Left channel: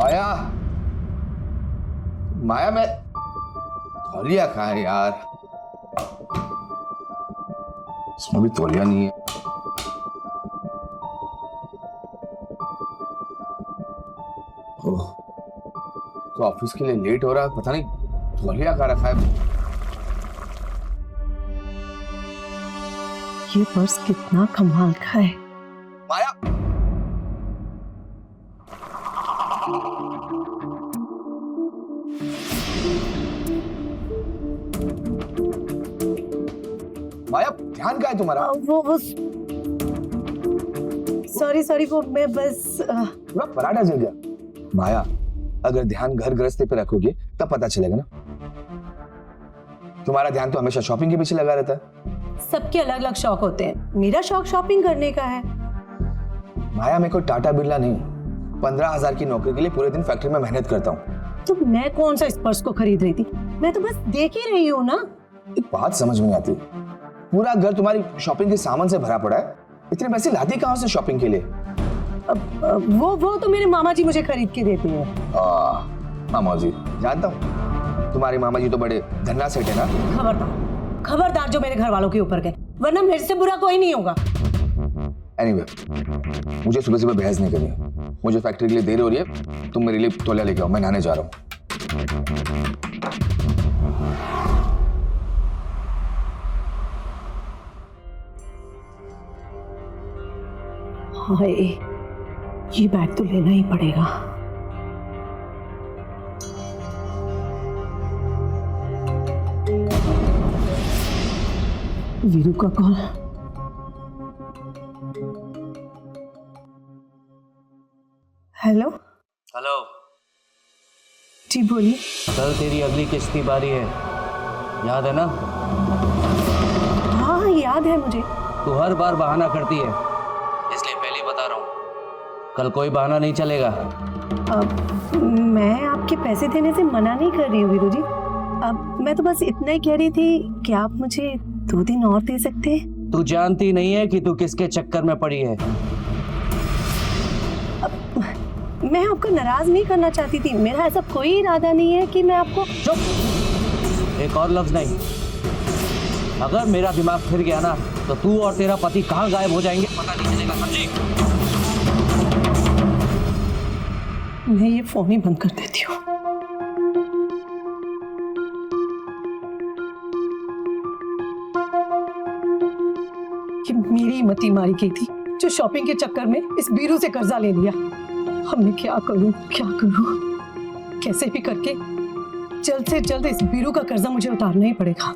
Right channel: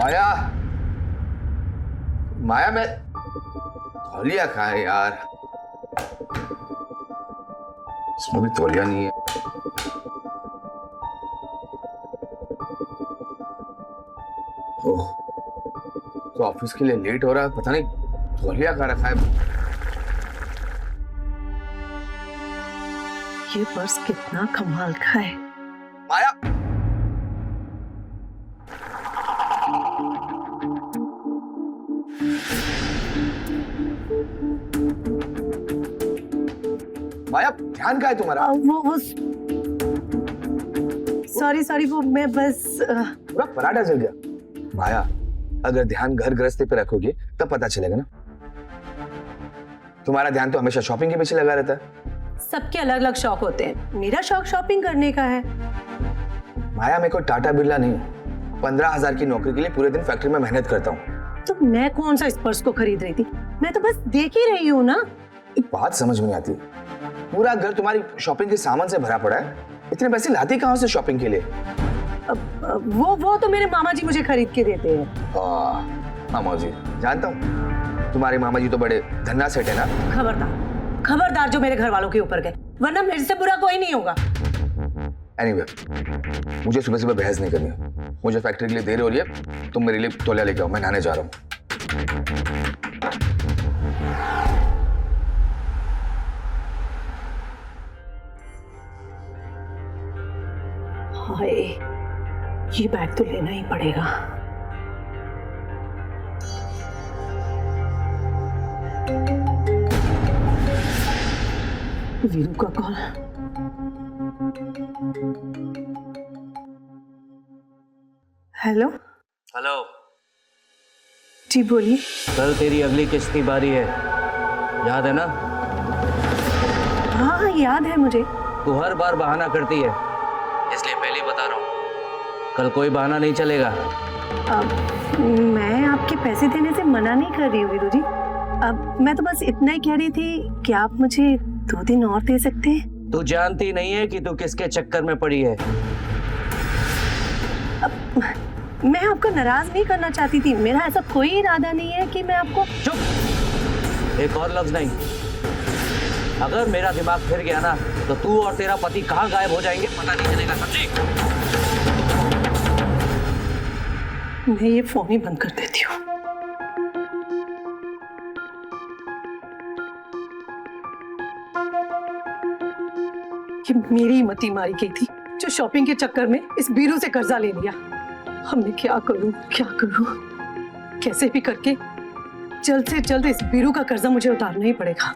माया, माया मैं तौलिया कहाँ है यार? इसमें भी तौलिया नहीं है। ओह, तो ऑफिस के लिए लेट हो रहा है, पता नहीं तौलिया कहाँ रखा है। ये पर्स कितना कमाल का है। माया, माया ध्यान कहाँ है तुम्हारा? वो सॉरी वो मैं बस पूरा पराठा जल गया। माया, अगर ध्यान घर गृहस्थी पे रखोगे तब पता चलेगा ना। तुम्हारा ध्यान तो हमेशा शॉपिंग के पीछे लगा रहता है। सबके अलग अलग शौक होते हैं, मेरा शौक शॉपिंग करने का है। माया, मैं कोई टाटा बिरला नहीं हूँ। 15,000 की नौकरी के लिए पूरे दिन फैक्ट्री में मेहनत करता हूँ। तो मैं कौन सा इस पर्स को खरीद रही थी, मैं तो बस देख ही रही हूँ ना। एक बात समझ में नहीं आती, पूरा घर तुम्हारी शॉपिंग के सामान से भरा पड़ा है, इतने पैसे लाती कहाँ से शॉपिंग के लिए? वो तो मेरे मामा जी मुझे खरीद के देते हैं। मामा जी, जानता हूँ तुम्हारे मामा जी तो बड़े धन्ना सेठ है ना। खबरदार खबरदार जो मेरे घर वालों के ऊपर गए, वरना मेरे से बुरा कोई नहीं होगा। एनीवे, मुझे सुबह सुबह बहस नहीं करनी है। मुझे फैक्ट्री के लिए देर हो रही है, तुम मेरे लिए तौलिया लेके आओ, मैं नहाने जा रहा हूँ। हाय, ये बैग तो लेना ही पड़ेगा। वीरू का कॉल। हेलो हेलो, जी बोलिए। कल तेरी अगली किस्त की बारी है, याद है ना? हाँ याद है मुझे। तू हर बार बहाना करती है, इसलिए पहले ही बता रहा हूँ, कल कोई बहाना नहीं चलेगा। अब मैं आपके पैसे देने से मना नहीं कर रही हूँ वीरू जी। अब मैं तो बस इतना ही कह रही थी कि आप मुझे 2 दिन और दे सकते हैं। तू जानती नहीं है कि तू किसके चक्कर में पड़ी है। अब मैं आपको नाराज नहीं करना चाहती थी, मेरा ऐसा कोई इरादा नहीं है कि मैं आपको। चुप, एक और लफ्ज नहीं। अगर मेरा दिमाग फिर गया ना तो तू और तेरा पति कहाँ गायब हो जाएंगे पता नहीं चलेगा, समझी? मैं ये फोन ही बंद कर देती हूँ। ये मेरी मती मारी गई थी, जो शॉपिंग के चक्कर में इस बीरू से कर्जा ले लिया। अब मैं क्या करूं, कैसे भी करके जल्द से जल्द इस बीरू का कर्जा मुझे उतारना ही पड़ेगा।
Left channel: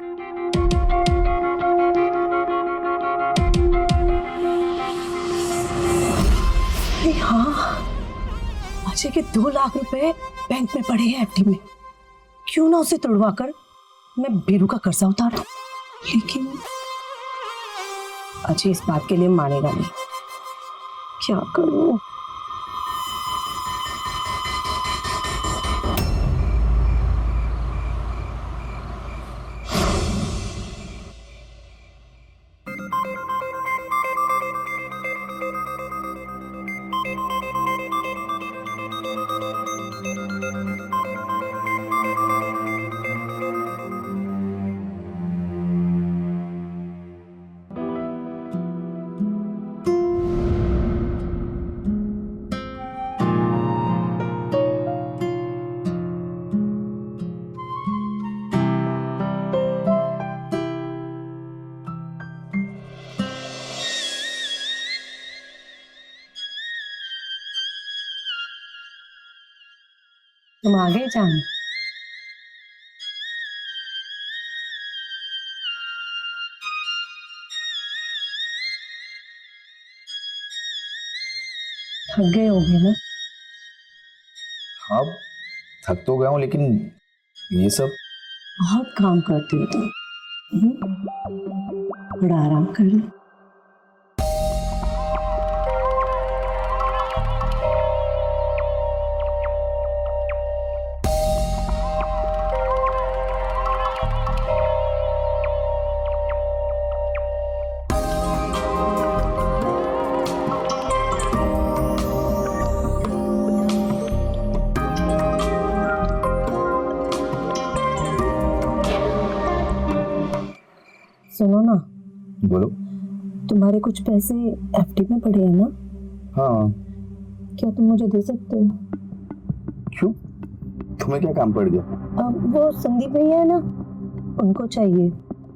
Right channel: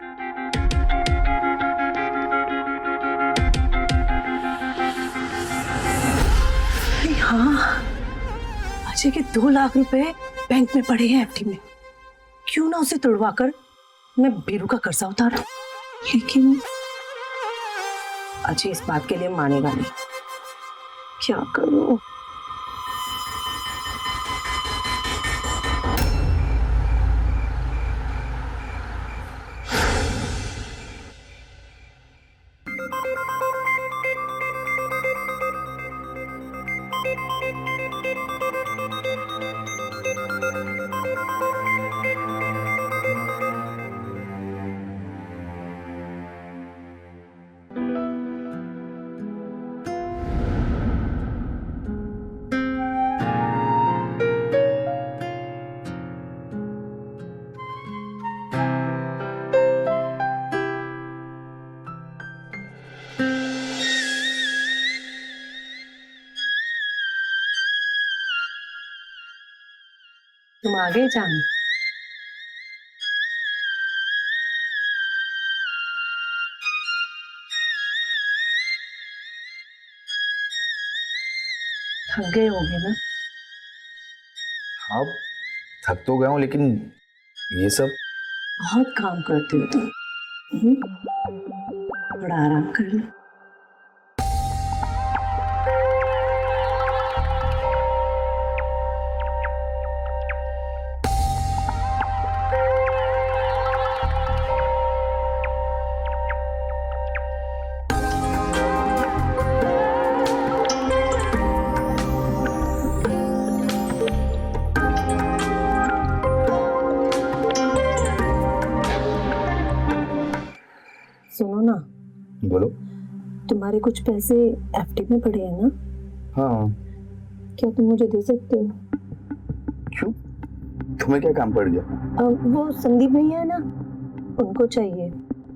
हाँ, अजय के 2 लाख रुपए बैंक में पड़े हैं एफडी में, क्यों ना उसे तुड़वाकर मैं बीरू का कर्जा उतार दूं। लेकिन अजय इस बात के लिए मानेगा नहीं, क्या करूं? तुम आ गए जान। थक गए होगे ना? हाँ, थक तो गया हूँ, लेकिन ये सब। बहुत काम करते हो तुम। थोड़ा आराम कर लो। सुनो ना, बोलो। तुम्हारे कुछ पैसे एफडी में पड़े हैं ना? हाँ। क्या तुम मुझे दे सकते हो? क्यों, तुम्हें क्या काम पड़ गया? वो संदीप भैया है ना, उनको चाहिए।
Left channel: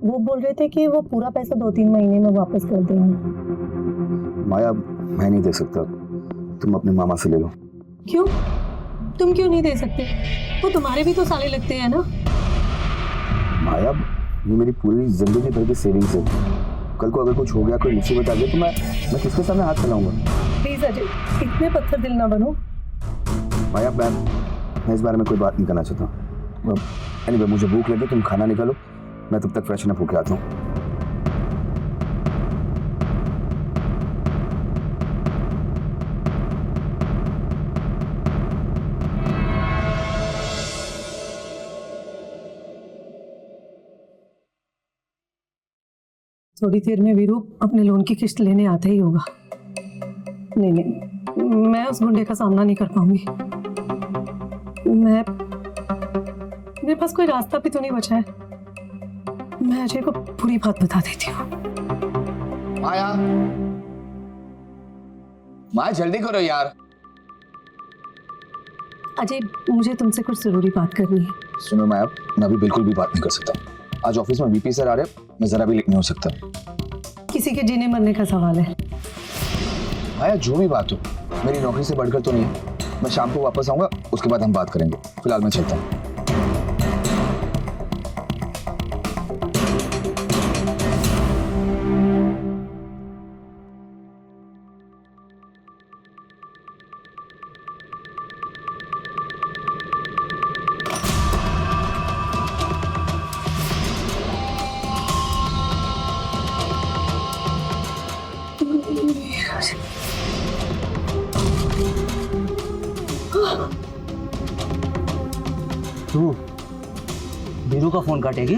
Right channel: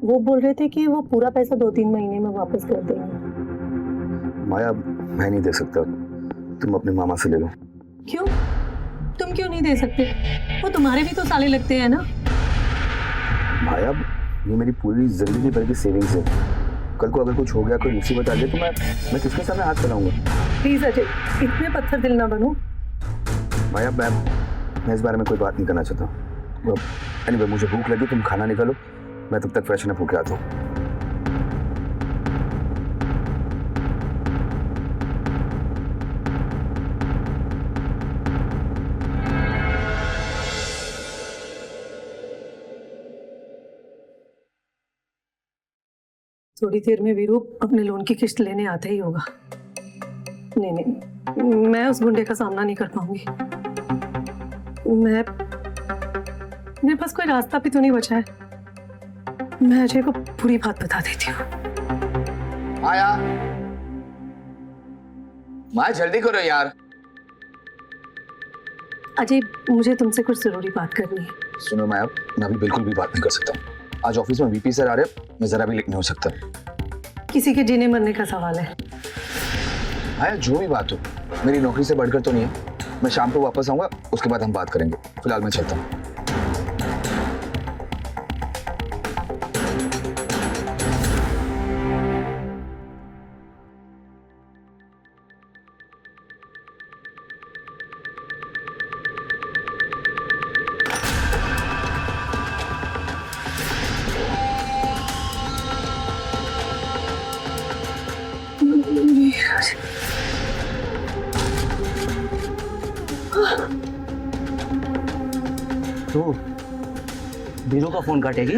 वो बोल रहे थे कि वो पूरा पैसा 2-3 महीने में वापस कर देंगे। माया, मैं नहीं दे सकता, तुम अपने मामा से ले लो। क्यों? तुम क्यों नहीं दे सकते? वो तुम्हारे भी तो साले लगते हैं ना। माया, ये मेरी पूरी जिंदगी भर की सेविंग्स है। कल को अगर कुछ हो गया, कोई मुसीबत आ गई, तो मैं किसके सामने हाथ फैलाऊंगा? प्लीज अजय, इतने पत्थर दिल ना बनो। माया, मैं इस बारे में कोई बात नहीं करना चाहता। एनीवे, मुझे भूख लगी, तुम खाना निकालो, मैं तब तक फ्रेशन अप होके आता हूँ। थोड़ी देर में वीरू अपने लोन की किस्त लेने आता ही होगा। नहीं, मैं उस गुंडे का सामना नहीं कर पाऊंगी। मेरे पास कोई रास्ता भी तो नहीं बचा है। मैं अजय को पूरी बात बता देती हूँ। माया जल्दी करो यार। अजय, मुझे तुमसे कुछ जरूरी बात करनी है। सुनो माया, मैं अभी बिल्कुल भी बात नहीं कर सकता। आज ऑफिस में वीपी सर आ रहे, मैं जरा भी लेट नहीं हो सकता। किसी के जीने मरने का सवाल है। माया, जो भी बात हो, मेरी नौकरी से बढ़कर तो नहीं है। मैं शाम को वापस आऊंगा, उसके बाद हम बात करेंगे। फिलहाल मैं चलता हूँ। तू वीरू का फोन काटेगी?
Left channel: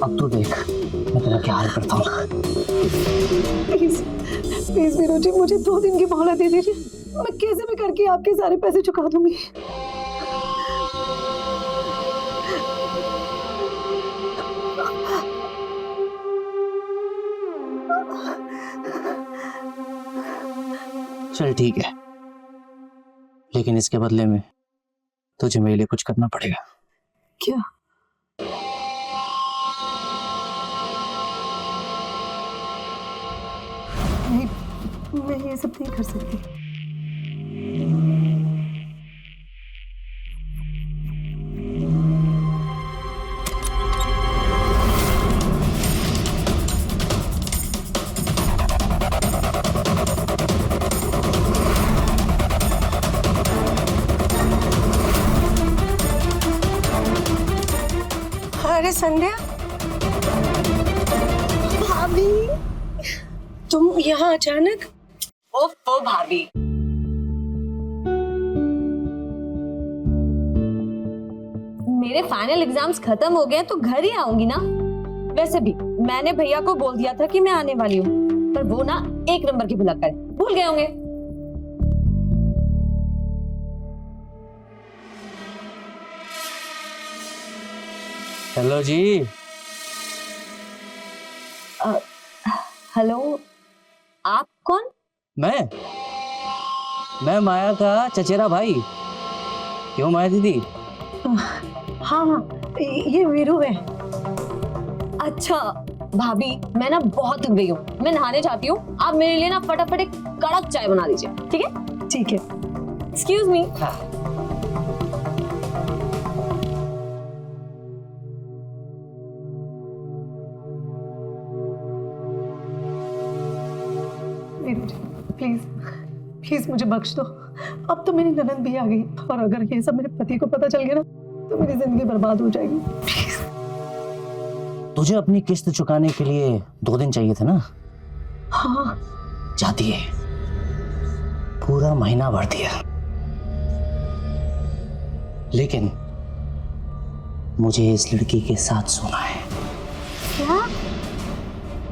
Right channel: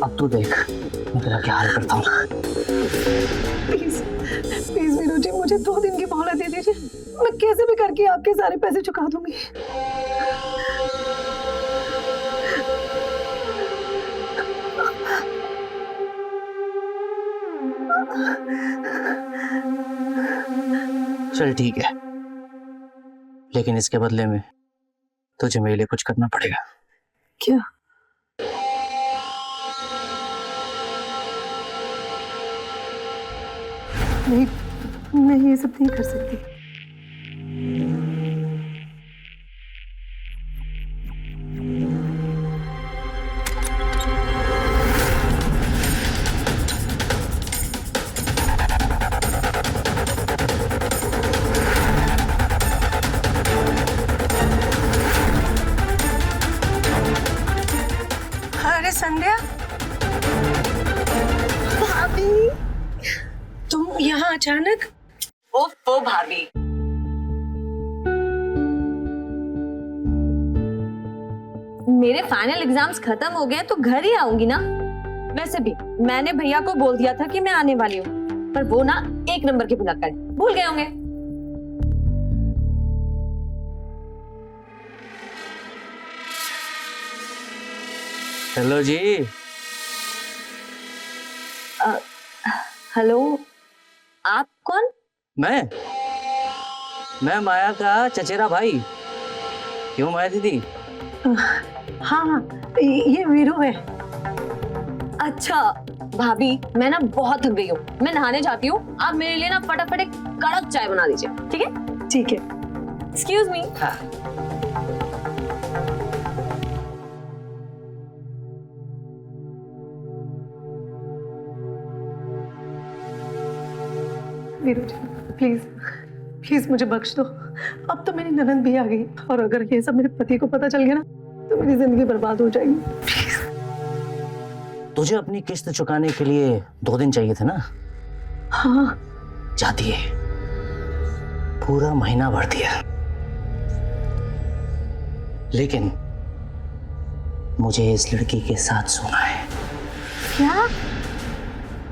अब तू देख मैं तेरा क्या हाल करता हूँ। प्लीज प्लीज वीरू जी, मुझे 2 दिन की मोहलत दे दीजिए। मैं कैसे भी करके आपके सारे पैसे चुका दूंगी। चल ठीक है, लेकिन इसके बदले में तुझे मेरे लिए कुछ करना पड़ेगा। क्या? नहीं, मैं ये सब नहीं कर सकती। अरे संध्या, भाभी, तुम यहाँ अचानक? ओफो भाभी, मेरे फाइनल एग्जाम्स खत्म हो गए तो घर ही आऊंगी ना। वैसे भी मैंने भैया को बोल दिया था कि मैं आने वाली हूँ, पर वो ना 1 नंबर के भुलक्कड़ है, भूल गए होंगे। हेलो जी। हेलो, आप कौन? मैं माया का चचेरा भाई। क्यों माया दीदी? हाँ हाँ, ये वीरू है। अच्छा भाभी, मैं ना बहुत थक गई हूँ, मैं नहाने जाती हूँ। आप मेरे लिए ना फटाफट एक कड़क चाय बना दीजिए, ठीक है? ठीक है। Excuse me. हाँ। वीरू जी, प्लीज प्लीज मुझे बख्श दो। अब तो मेरी ननद भी आ गई, और अगर ये सब मेरे पति को पता चल गया ना, तो मेरी जिंदगी बर्बाद हो जाएगी। प्लीज। तुझे अपनी किस्त चुकाने के लिए 2 दिन चाहिए थे ना? हाँ। जाती है, पूरा महीना भर दिया, लेकिन मुझे इस लड़की के साथ सोना है। क्या?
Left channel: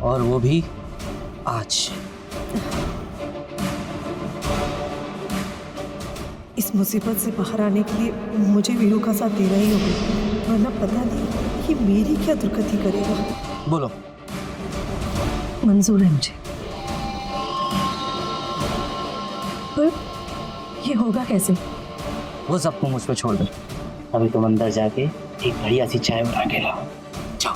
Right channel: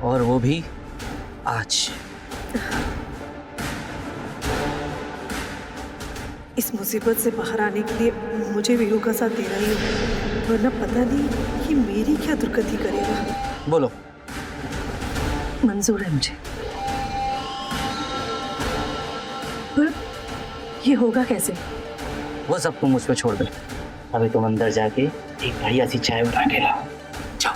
और वो भी आज। इस मुसीबत से बाहर आने के लिए मुझे वीरू का साथ देना ही होगा, वरना पता नहीं कि मेरी क्या दुर्गति करेगा। बोलो। मंजूर है मुझे, पर ये होगा कैसे? वो सब तुम मुझ पे छोड़ दे। अभी तुम अंदर जाके एक बढ़िया सी चाय बना के लाओ। जाओ।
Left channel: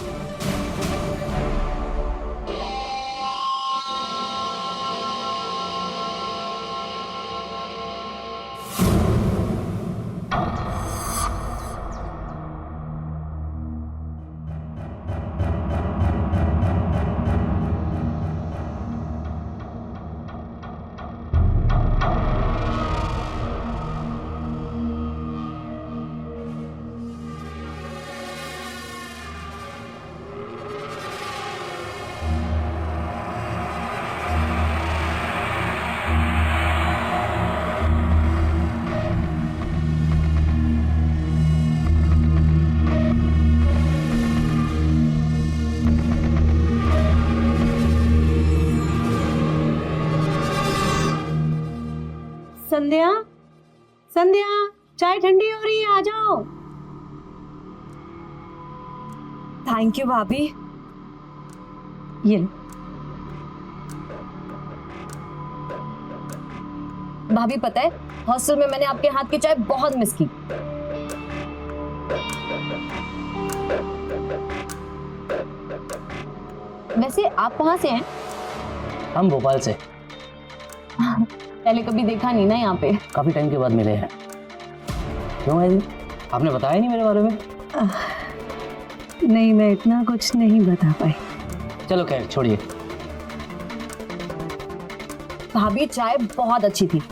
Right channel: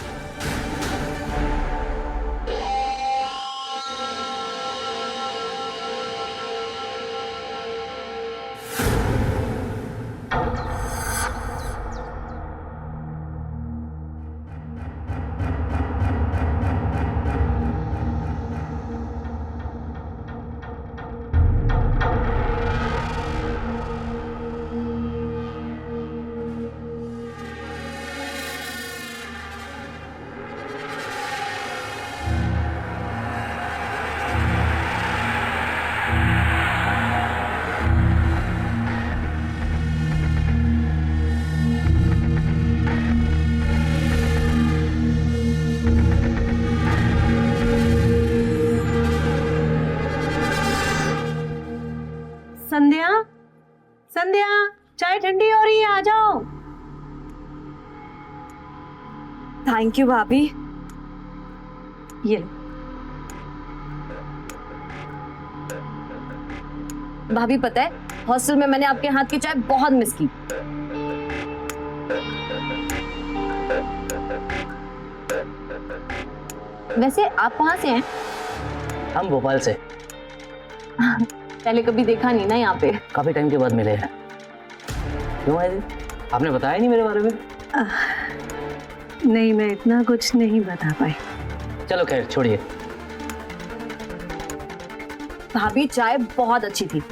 संध्या, संध्या, चाय ठंडी हो रही है, आ जाओ। थैंक यू भाभी। ये लो। भाभी पता है, हॉस्टल में मैंने आपके हाथ की चाय बहुत मिस की। वैसे आप कहाँ से हैं? हम भोपाल से। पहले कभी देखा नहीं ना यहाँ पे। काफी टाइम के बाद मिले हैं। क्यों है? आपने बताया नहीं मेरे बारे में? नहीं, मैं इतना कुछ नहीं बता पाई। चलो खैर छोड़िए। भाभी चाय बहुत अच्छी थी।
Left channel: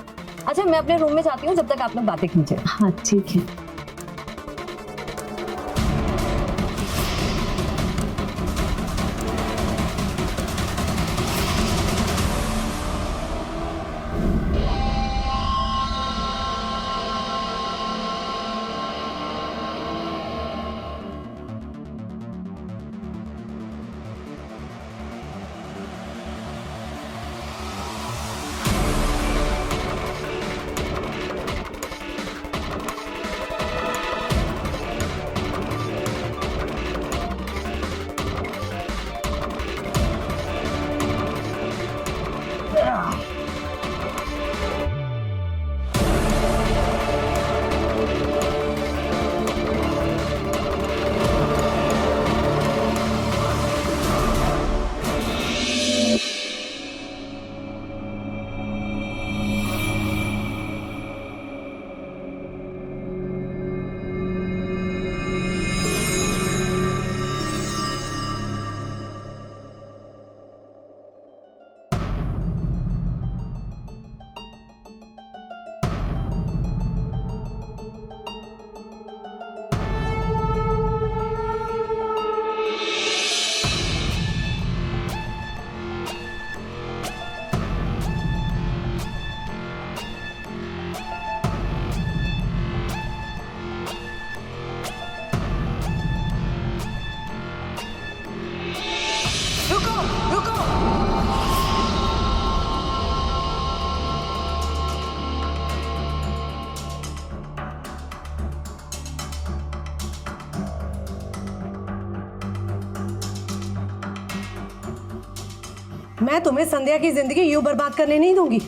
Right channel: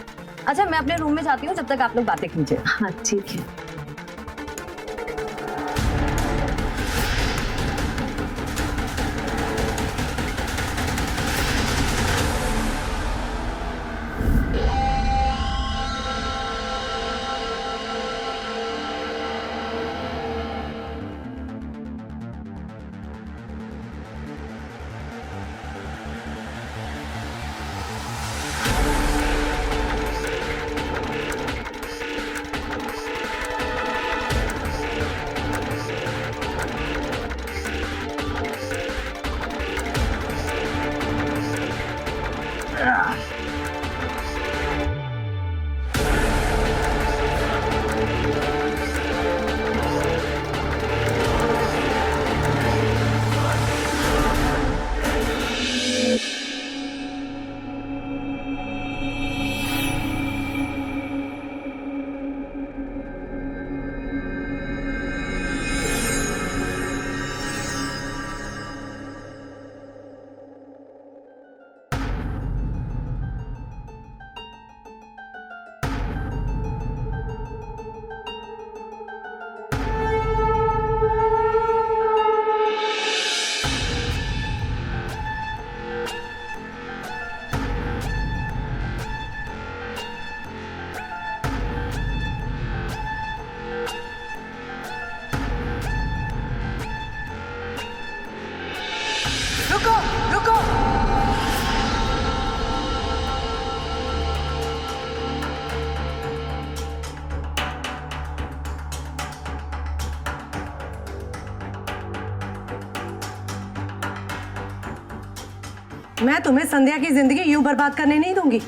अच्छा मैं अपने रूम में जाती हूँ, जब तक आप लोग बातें कीजिए। हाँ ठीक है। रुको, रुको। मैं तुम्हें संध्या की जिंदगी यूं बर्बाद करने नहीं दूंगी।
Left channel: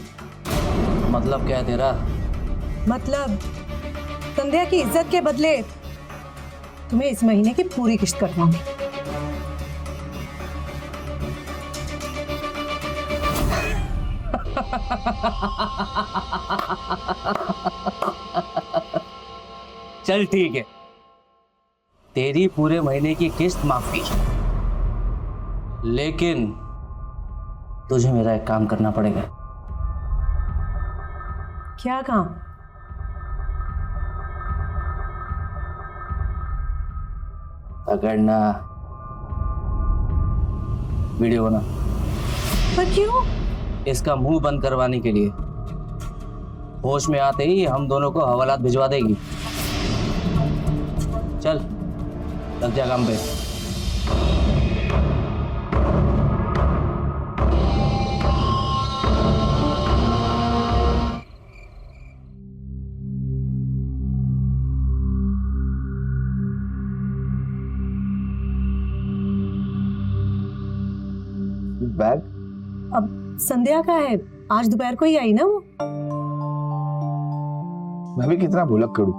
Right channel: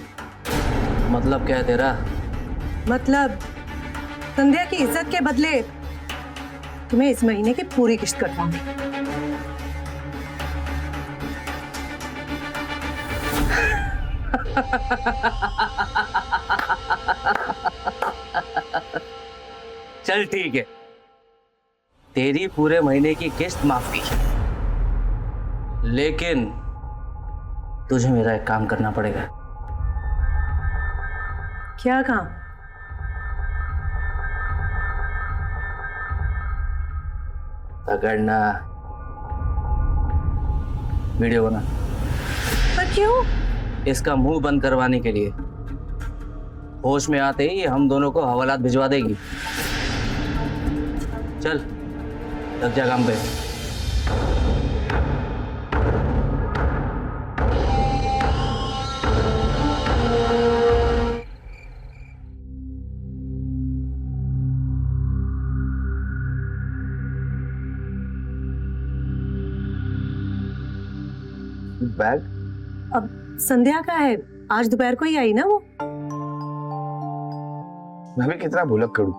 मतलब क्या है तेरा? मतलब संध्या की इज्जत के बदले तुम्हें इस महीने की पूरी किश्त कटवाऊंगी। चल ठीक है, तेरी पूरे महीने की किस्त माफ की, लेकिन तुझे मेरा एक काम करना पड़ेगा। क्या काम? पकड़ना, वीडियो बना। पर क्यों? इसका मुंह बंद करवाने के लिए। होश में आते ही हम दोनों को हवालात भिजवा देगी। चल लग जा काम पे। बैग? अब संध्या का है, आज दोपहर को ही आई ना वो। मैं भी कितना भुलक करूं,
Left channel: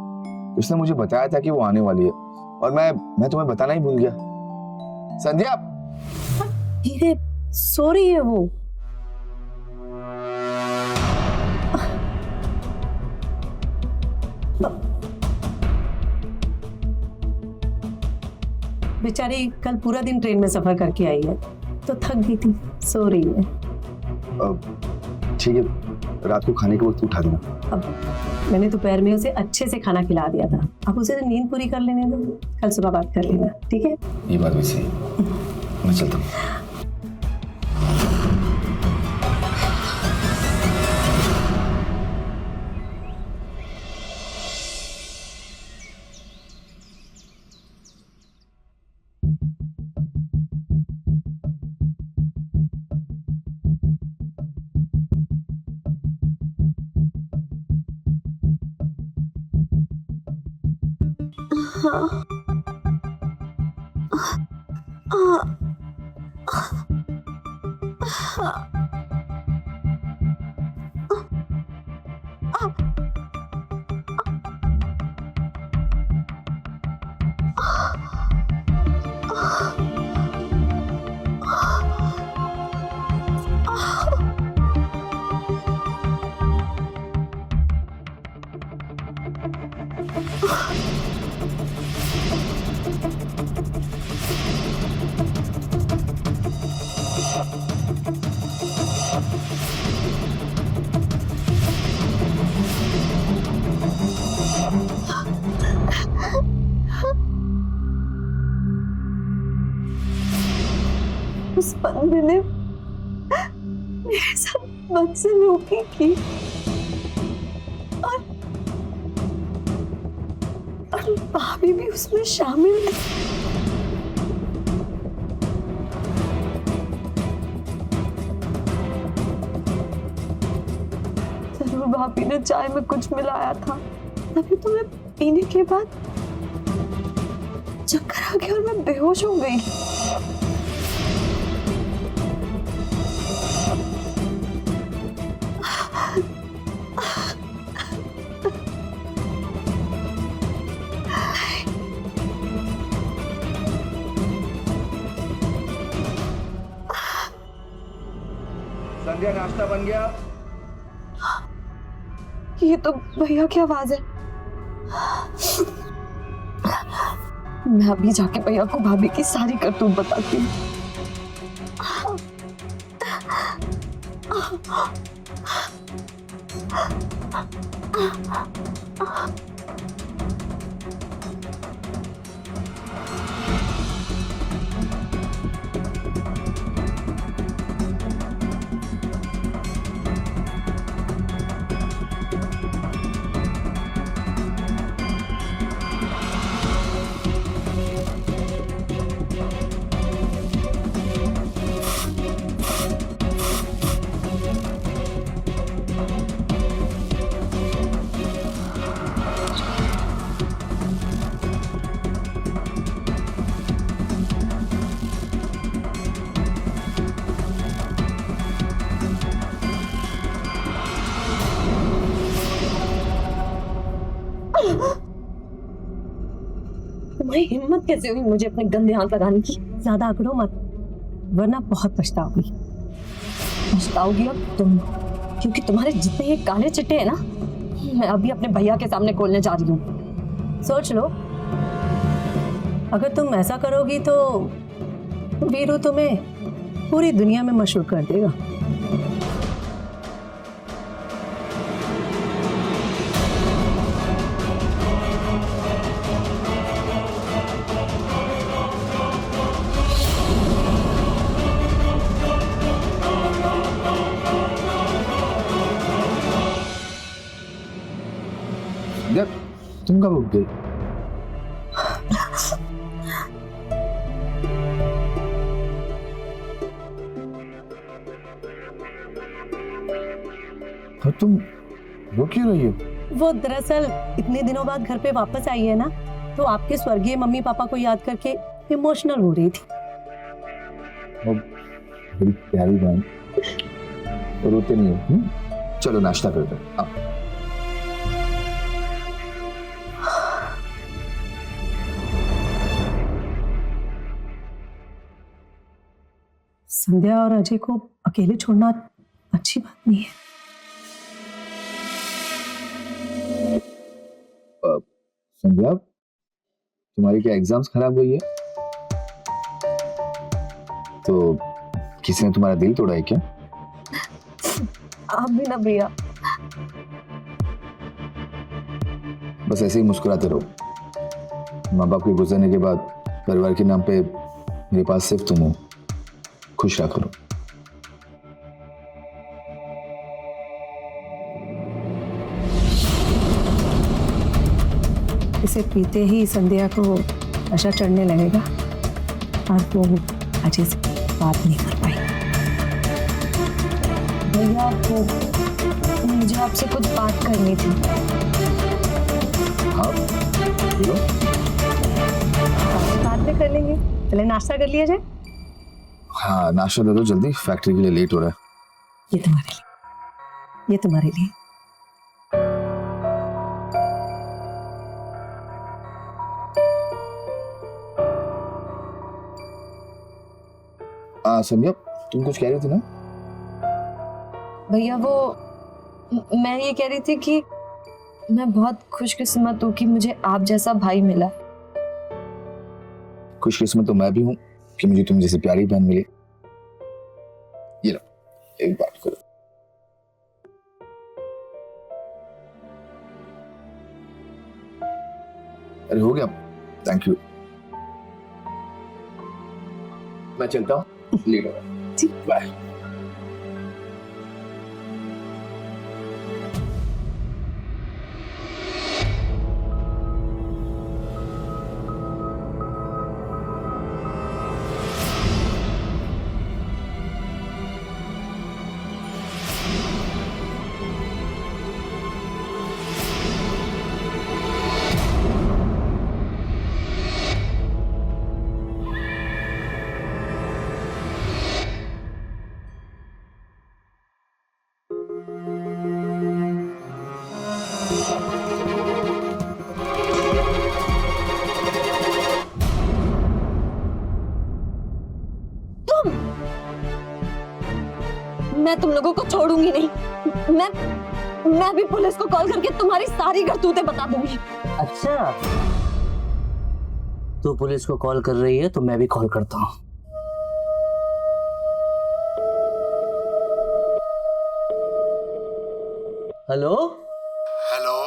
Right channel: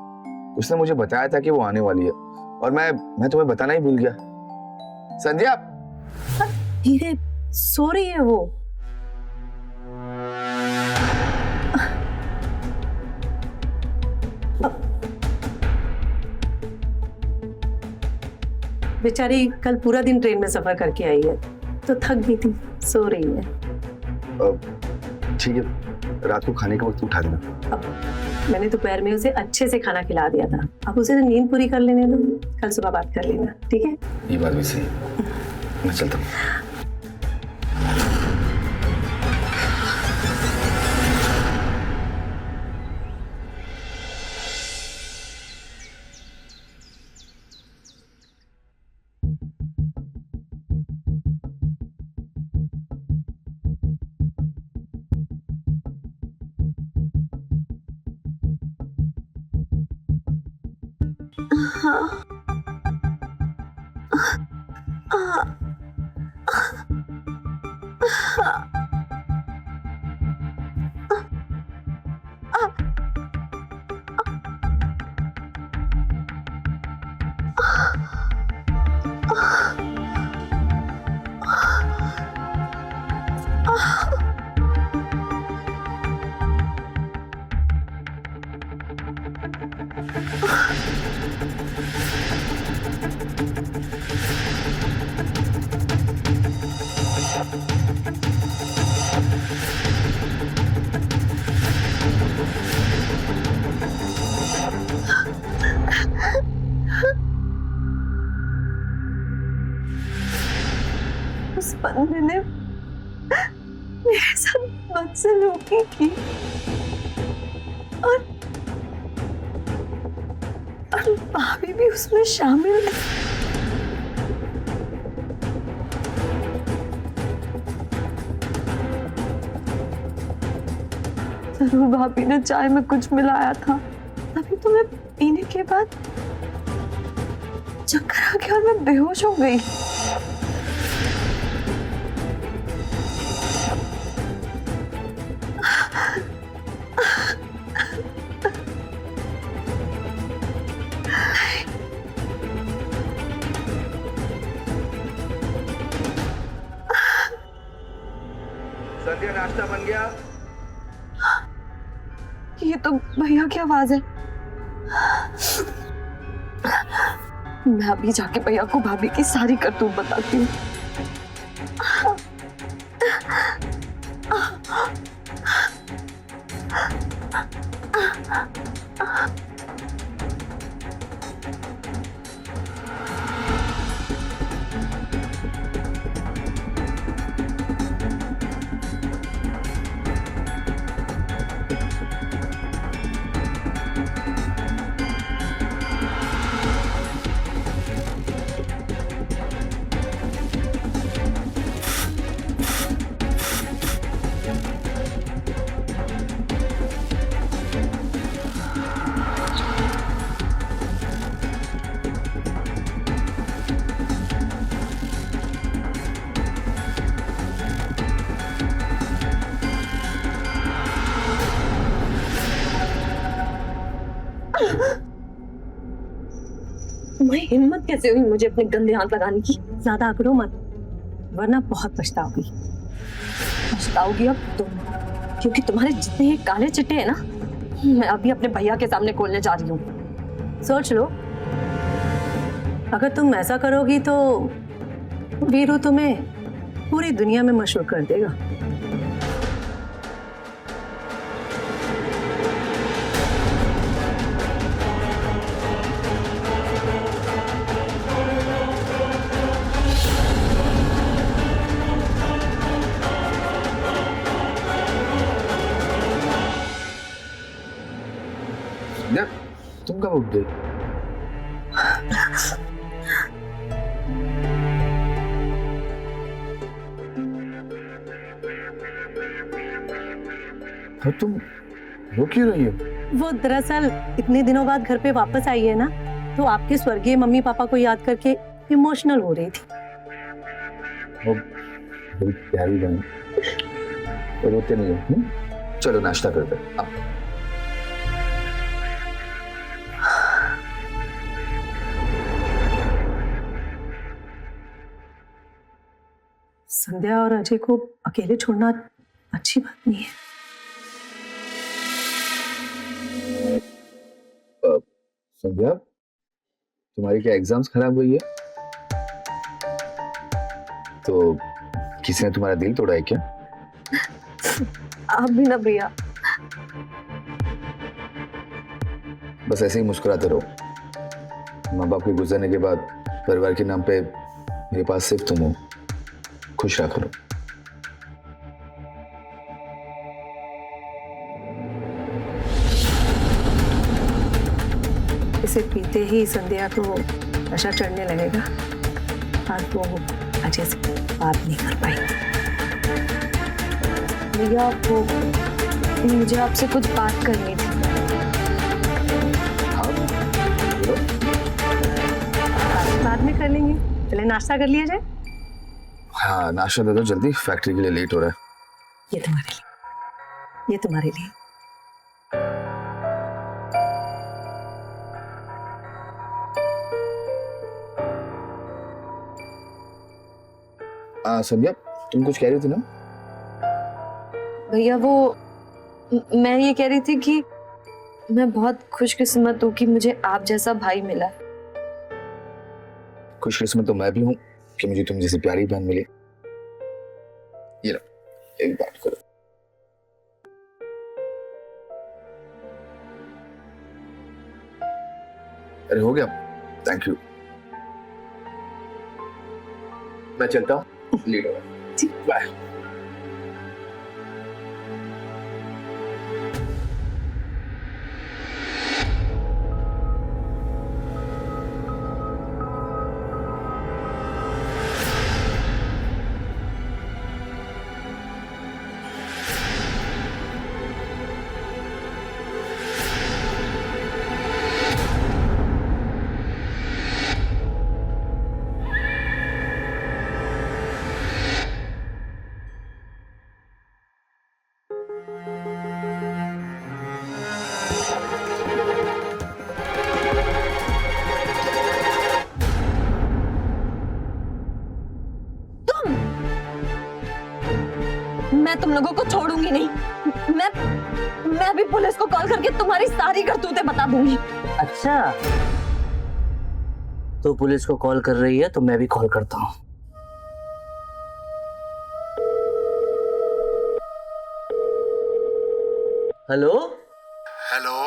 उसने मुझे बताया था कि वो आने वाली है और मैं तुम्हें बताना ही भूल गया। संध्या, धीरे सो रही है वो। बेचारी कल पूरा दिन ट्रेन में सफर करके आई है तो थक गई थी, सो रही है। ठीक है, रात को खाने के वक्त उठा देना। अब मैंने दोपहर में उसे अच्छे से खाना खिला दिया था, अब उसे नींद पूरी कर लेने दो, कल सुबह बात कर लेना, ठीक है? ये बात भी सही, मैं चलता हूँ। उस बंदे ने मेरे साथ बदसलूकी की और भाभी भी उसमें शामिल थी। जरूर भाभी ने चाय में कुछ मिलाया था, तभी तो मैं पीने के बाद चक्कर आ गया और मैं बेहोश हो गई। संध्या, नाश्ता बन गया? ये तो भैया की आवाज है। मैं अभी जाके भैया को भाभी की सारी करतूत बताती हूँ। तुम्हारी हिम्मत कैसे हुई मुझे अपने गंदे हाथ लगाने की? ज्यादा अकड़ो मत, वरना बहुत पछताओगी। पछताओगी अब तुम, क्योंकि तुम्हारे जितने ये काले चिट्टे हैं ना, मैं अभी अपने भैया के सामने खोलने जा रही हूँ। सोच लो, अगर तुम ऐसा करोगी तो वीरू तुम्हें पूरी दुनिया में मशहूर कर देगा। यार, तुम कब उठ गई? और तुम रो क्यों रही हो? वो दरअसल इतने दिनों बाद घर पे वापस आई है ना, तो आपके स्वर्गीय मम्मी पापा को याद करके इमोशनल हो रही थी। मेरी प्यारी बहन, रोते नहीं हो? चलो नाश्ता करते हैं, आओ। संध्या और अजय को अकेले छोड़ना अच्छी बात नहीं है। संध्या, तुम्हारी क्या एग्जाम्स खराब हुई है? तो किसी ने तुम्हारा दिल तोड़ा है क्या? आप भी ना भैया। बस ऐसे ही मुस्कुराते रहो। माँ बाप के गुजरने के बाद परिवार के नाम पे मेरे पास सिर्फ तुम हो। खुश रहा करो। इसे पीते ही संध्या को नशा चढ़ने लगेगा और वो अजय से बात नहीं कर पाई। भैया वो मुझे आपसे कुछ बात करनी थी। हाँ बोलो। बात बाद में कर लेंगे, पहले नाश्ता कर लिया जाए। हाँ नाश्ता दे दो जल्दी, फैक्ट्री के लिए लेट हो रहा है। ये तुम्हारे लिए, ये तुम्हारे लिए। संध्या तुम कुछ कह रही थी ना? भैया वो मैं ये कह रही थी कि मैं बहुत खुशकिस्मत हूँ कि मुझे आप जैसा भाई मिला। खुशकिस्मत तो मैं भी हूँ कि मुझे तुम जैसी प्यारी बहन मिली। ये लो, एक बात करो। अरे हो गया, थैंक यू। मैं चलता हूँ, लेट हो गया। बाय। मैं तुम लोगों को छोड़ूंगी नहीं। मैं भी पुलिस को कॉल करके तुम्हारी सारी करतूतें बता दूंगी। अच्छा, तो पुलिस को कॉल कर रही है तो मैं भी कॉल करता हूँ। Hello hello.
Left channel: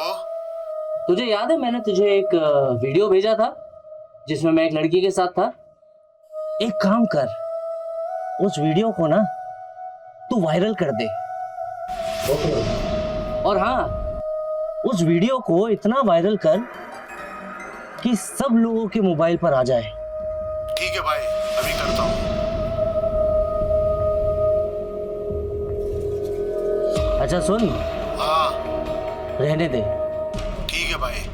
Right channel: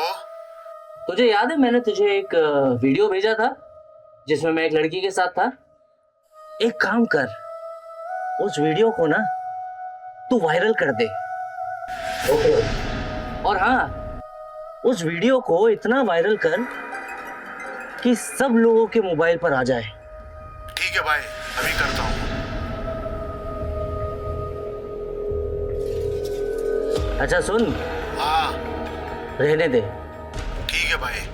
तुझे याद है मैंने तुझे एक वीडियो भेजा था जिसमें मैं एक लड़की के साथ था? एक काम कर, उस वीडियो को ना तू वायरल कर दे। ओके। और हाँ, उस वीडियो को इतना वायरल कर कि सब लोगों के मोबाइल पर आ जाए। ठीक है भाई, अभी करता हूँ। अच्छा सुन, हाँ रहने दे। ठीक है भाई।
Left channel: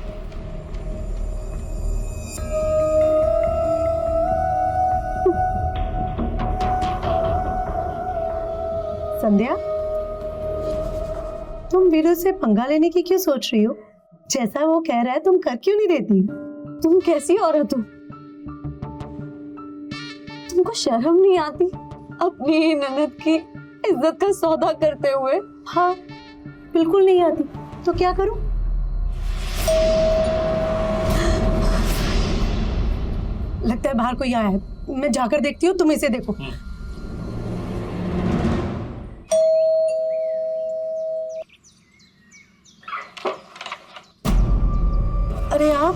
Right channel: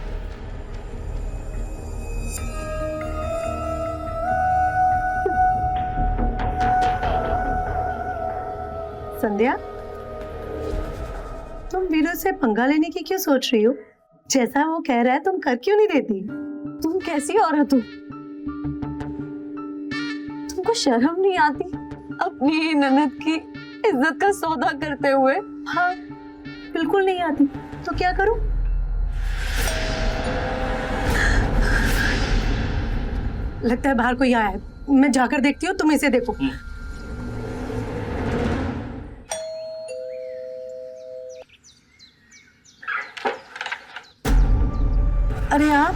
संध्या, तुम वीरू से पंगा लेने की क्यों सोच रही हो? जैसा वो कह रहा है तुम कर क्यों नहीं देती? तुम कैसी औरत हो? तुमको शर्म नहीं आती अपनी ही ननद की इज्जत का सौदा करते हुए? हाँ बिल्कुल नहीं आती, तो क्या करूं? लगता है बाहर कोई आया है, मैं जाकर देखती हूँ, तुम इसे देखो। अरे आप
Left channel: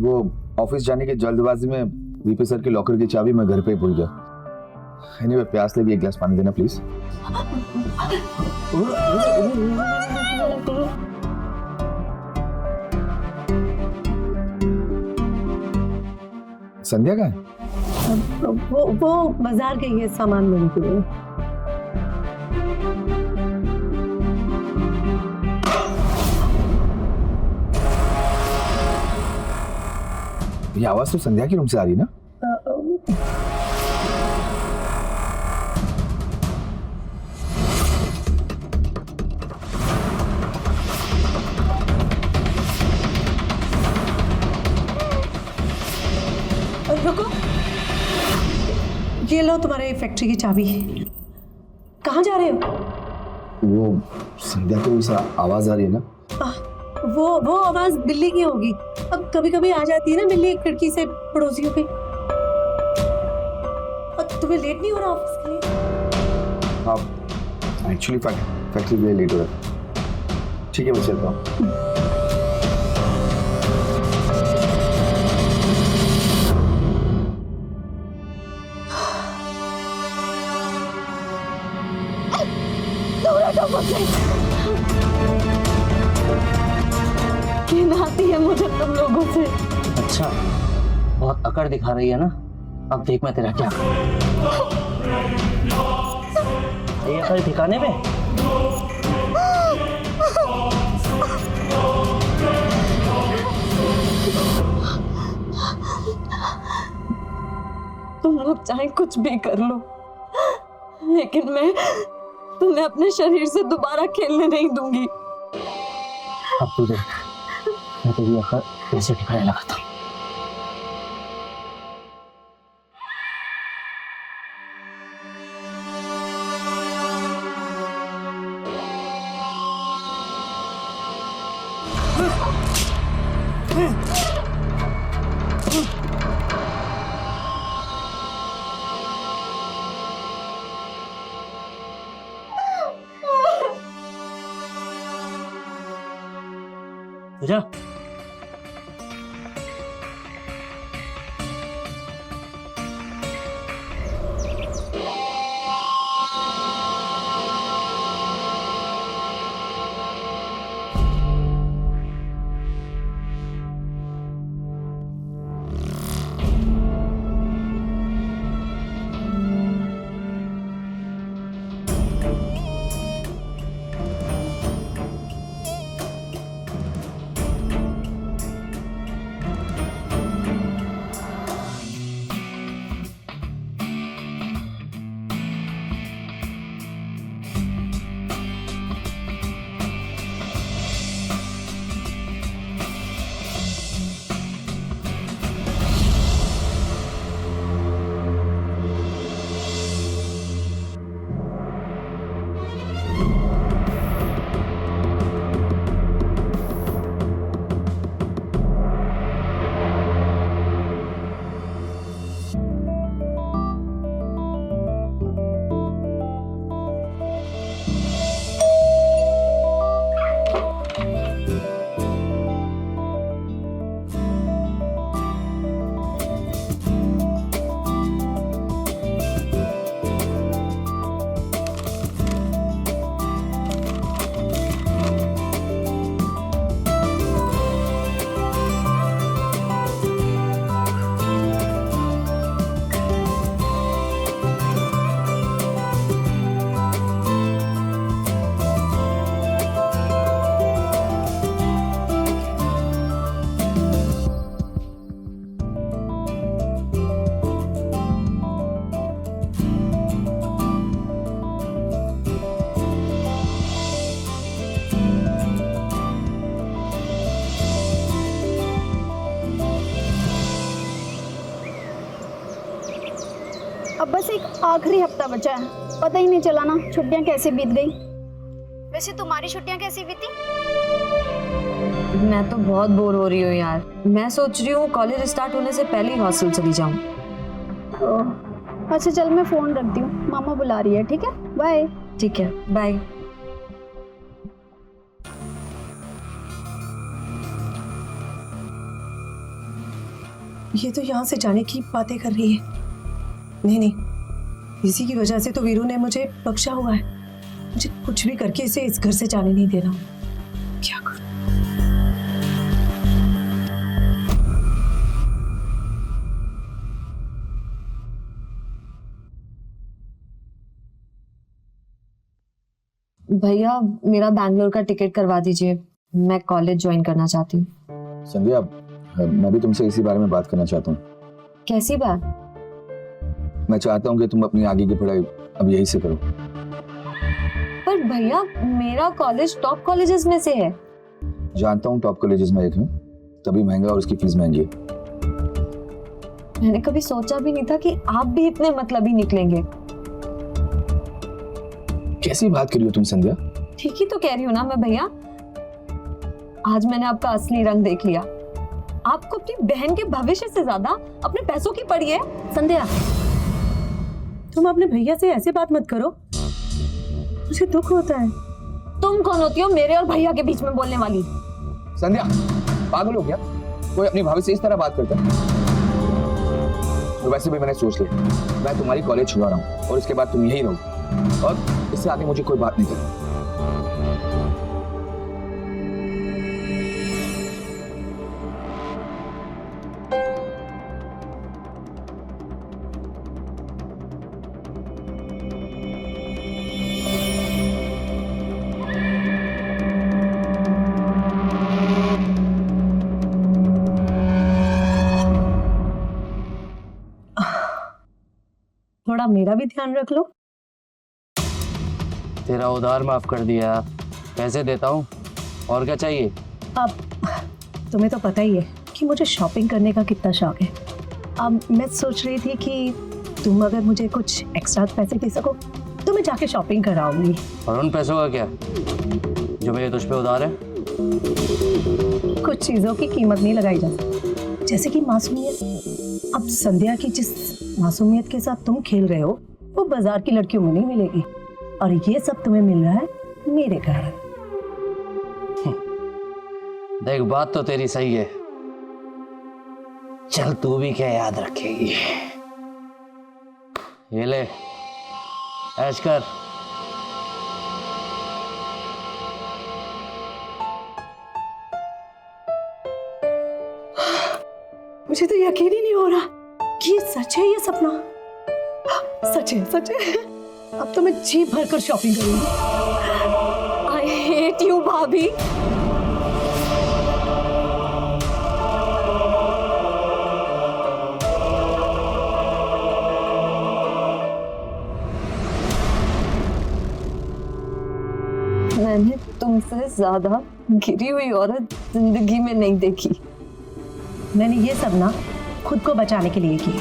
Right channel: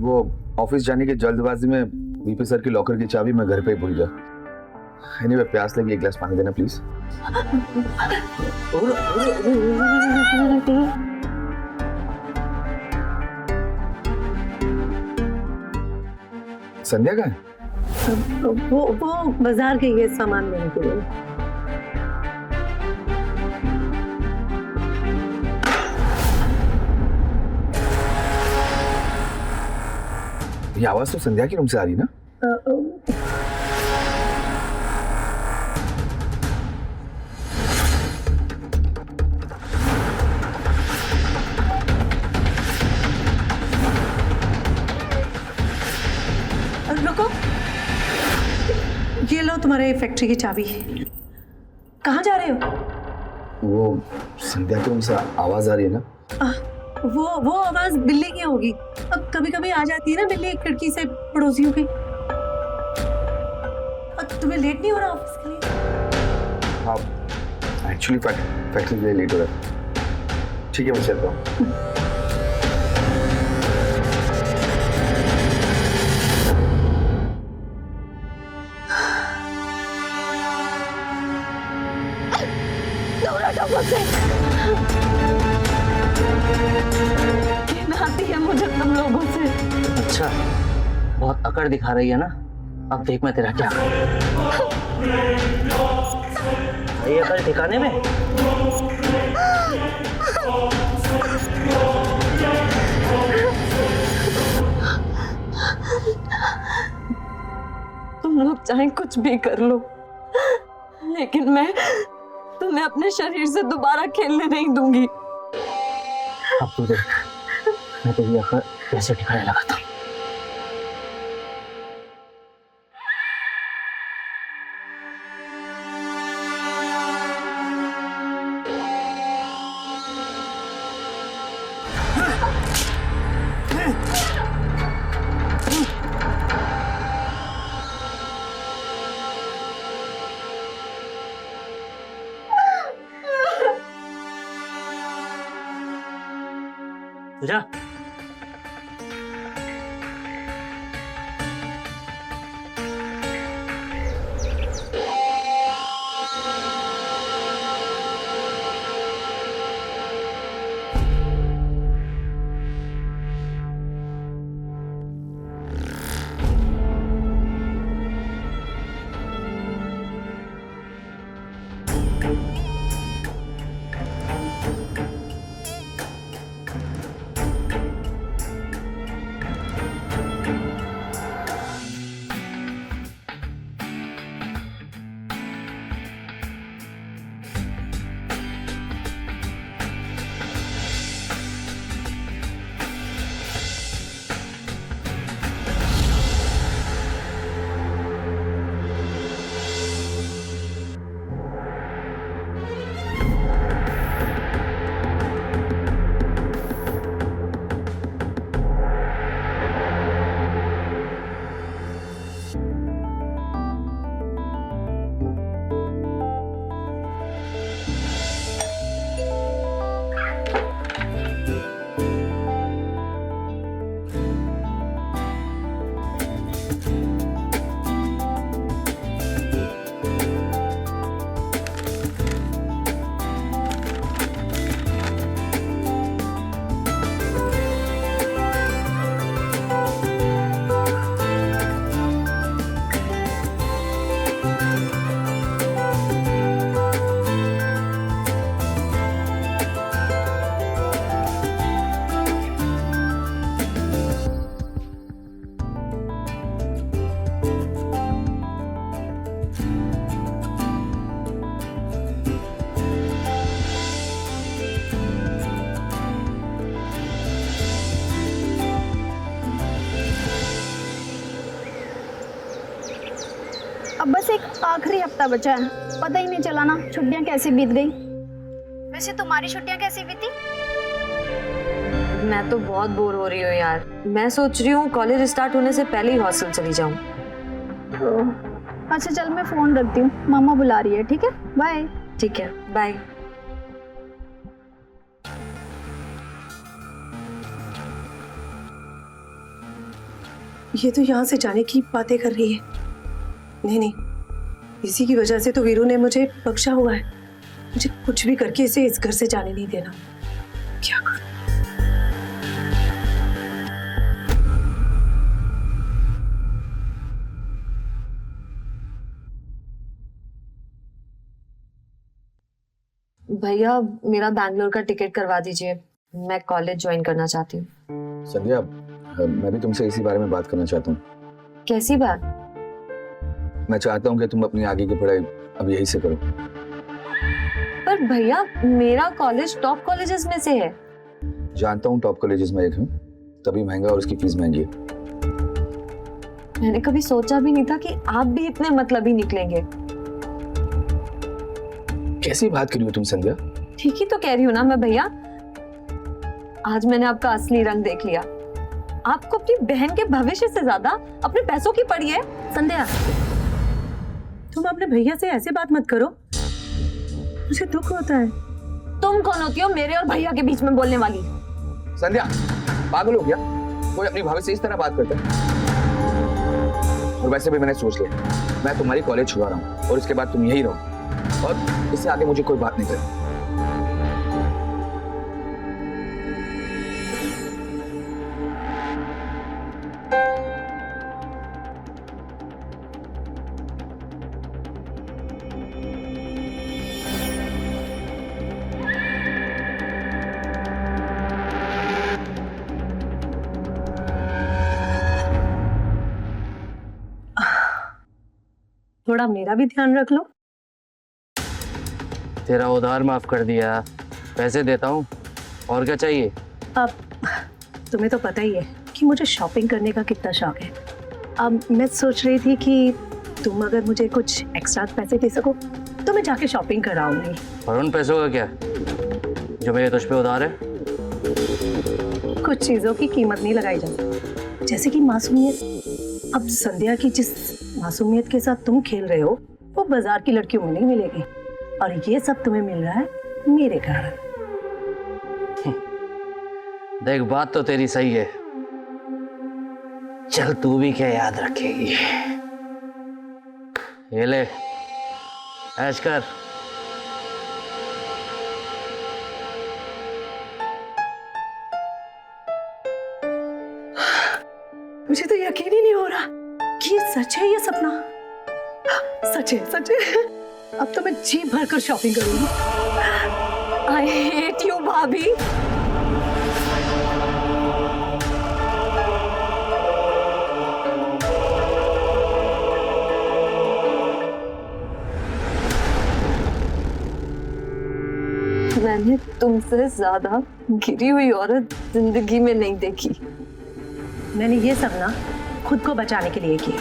वो ऑफिस जाने की जल्दबाजी में वीपी सर की लॉकर की चाबी मैं घर पे ही भूल गया। एनीवे प्यास लगी, एक गिलास पानी देना प्लीज। संध्या का है? वो बाजार गई है सामान लेने के लिए। ये आवाज तो संध्या की रूम से आ रही ना? रुको, ये लो तुम्हारे फैक्ट्री की चाबी। कहाँ जा रहे हो? वो संध्या की रूम से आवाज आ रही है ना? वो आवाज बिल्ली की होगी। अब कभी कभी आ जाती है ना बिल्ली खिड़की से पड़ोसियों की। तुम्हें लेट नहीं हो रहा ऑफिस के लिए? हाँ, एक्चुअली फैक्ट्री के लिए लेट हो रहा है। ठीक है, मैं चलता हूँ। दूर हटो मुझसे। घिन आती है मुझे तुम लोगों से। अच्छा, बहुत अकड़ दिखा रही है ना? अब देख मैं तेरा क्या करूं। ये अकड़ ठिकाने में? तुम लोग चाहे कुछ भी कर लो, लेकिन मैं तुम्हें अपने शरीर से दोबारा खेलने नहीं दूंगी। अब तू देख, मैं तेरी अकड़ कैसे ठिकाने लगाता हूँ। पूजा, अब बस एक आखिरी हफ्ता बचा है, पता ही नहीं चला ना छुट्टियां कैसे बीत गई। वैसे तुम्हारी छुट्टियां कैसी बीती? मैं तो बहुत बोर हो रही हूँ यार। मैं सोच रही हूँ कॉलेज स्टार्ट होने से पहले ही हॉस्टल चली जाऊँ। अच्छा चल मैं फोन रखती हूँ, मामा बुला रही है। ठीक है, बाय। ठीक है, बाय। ये तो यहाँ से जाने की बातें कर रही है। नहीं, इसी की वजह से तो वीरू ने मुझे बख्शा हुआ है। मुझे कुछ भी करके इसे इस घर से जाने नहीं देना। क्या करूं? भैया मेरा बैंगलोर का टिकट करवा दीजिए, मैं कॉलेज ज्वाइन करना चाहती हूँ। संध्या, मैं भी तुमसे इसी बारे में बात करना चाहता हूँ। कैसी बात? मैं चाहता हूँ कि तुम अपनी आगे की पढ़ाई अब यही से करो। पर भैया मेरा कॉलेज टॉप कॉलेजेस में से है। जानता हूँ टॉप कॉलेजेस में एक है, तभी महंगा और उसकी फीस महंगी है। मैंने कभी सोचा भी नहीं था कि आप भी इतने मतलबी निकलेंगे। कैसी बात करी हो तुम संध्या? ठीक ही तो कह रही हूँ ना मैं भैया। आज मैंने आपका असली रंग देख लिया। आपको अपनी बहन के भविष्य से ज्यादा अपने पैसों की पड़ी है। संध्या, तुम अपने भैया से ऐसे बात मत करो, मुझे दुख होता है। तुम कौन होती हो मेरे और भैया के बीच में बोलने वाली? संध्या, पागल हो गया? कोई अपनी भाभी से इस तरह बात करता है? और वैसे भी मैंने सोच लिया, मैं तुम्हारी कॉलेज छुड़ा रहा हूँ और इसके बाद तुम यही रहोगी और इससे आगे मुझे कोई बात नहीं करनी। थोड़ा मेरा भी ध्यान रख लो। तेरा उधार माफ कर दिया, पैसे देता हूँ, और क्या चाहिए? अब तुम्हें तो पता ही है कि मुझे शॉपिंग करने का कितना शौक है। अब मैं सोच रही थी कि तुम अगर मुझे कुछ एक्स्ट्रा पैसे दे सको तो मैं जाके शॉपिंग कराऊंगी। और उन पैसों का क्या जो मेरे तुझ पे उधार है? कुछ चीजों की कीमत नहीं लगाई जा सकती, जैसे कि मासूमियत। अब संध्या की जिस मासूमियत के साथ तुम खेल रहे हो वो बाजार की लड़कियों में नहीं मिलेगी, और ये सब तुम्हें मिल रहा है मेरे कारण। देख, बात तो तेरी सही है, चल तू भी क्या याद रखेगी। ये ले, ऐश कर। मुझे तो यकीन ही नहीं हो रहा कि ये सच है, ये सपना सच है, सच है। अब तो मैं जी भर कर शॉपिंग करूंगी। आई हेट यू भाभी। मैंने तुमसे ज्यादा गिरी हुई औरत जिंदगी में नहीं देखी। मैंने ये सब ना खुद को बचाने के लिए किया।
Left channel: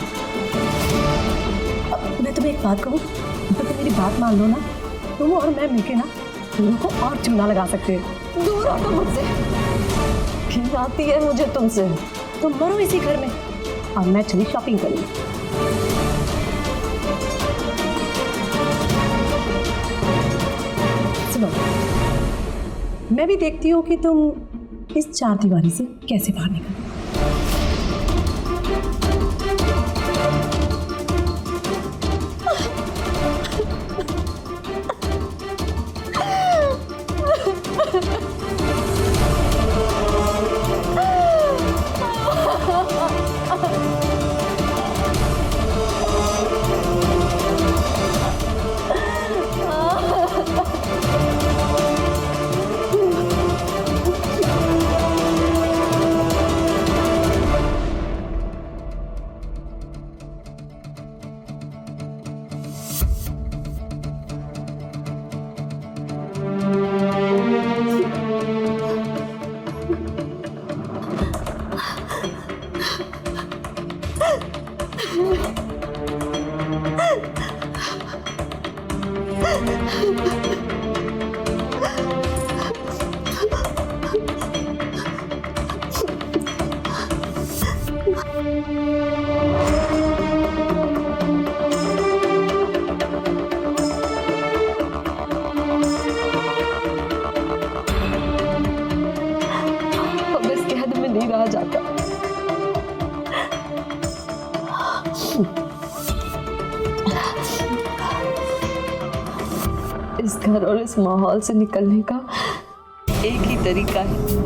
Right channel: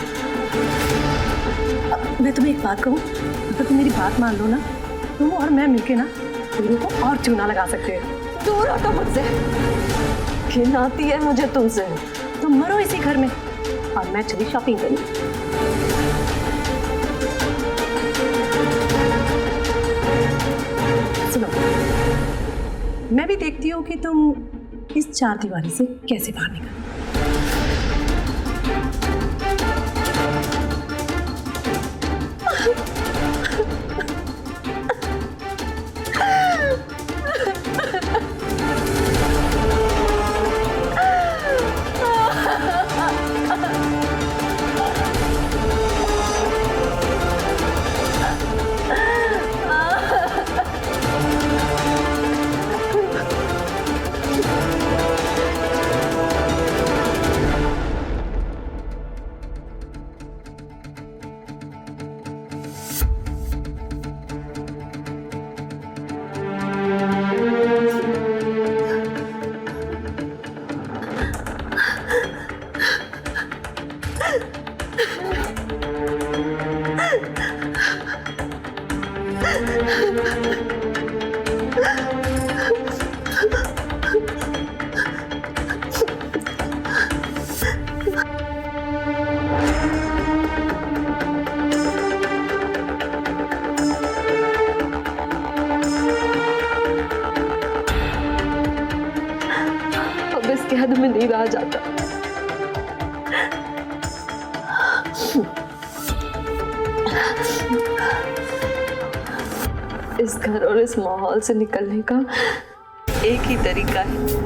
अब मैं तुम्हें एक बात कहूँ, अगर तुम मेरी बात मान लो ना, तुम और मैं मिलके ना दोनों को और चूना लगा सकते हैं। दूर हटो मुझसे, घिन आती है मुझे तुमसे। तुम मरो इसी घर में और मैं चली शॉपिंग करने। सुनो, मैं भी देखती हूँ कि तुम इस चार दीवारी से कैसे बाहर निकल। अब इस कैद में नहीं रहा जाता। इस घर और इस माहौल से निकलने का एक ही तरीका है।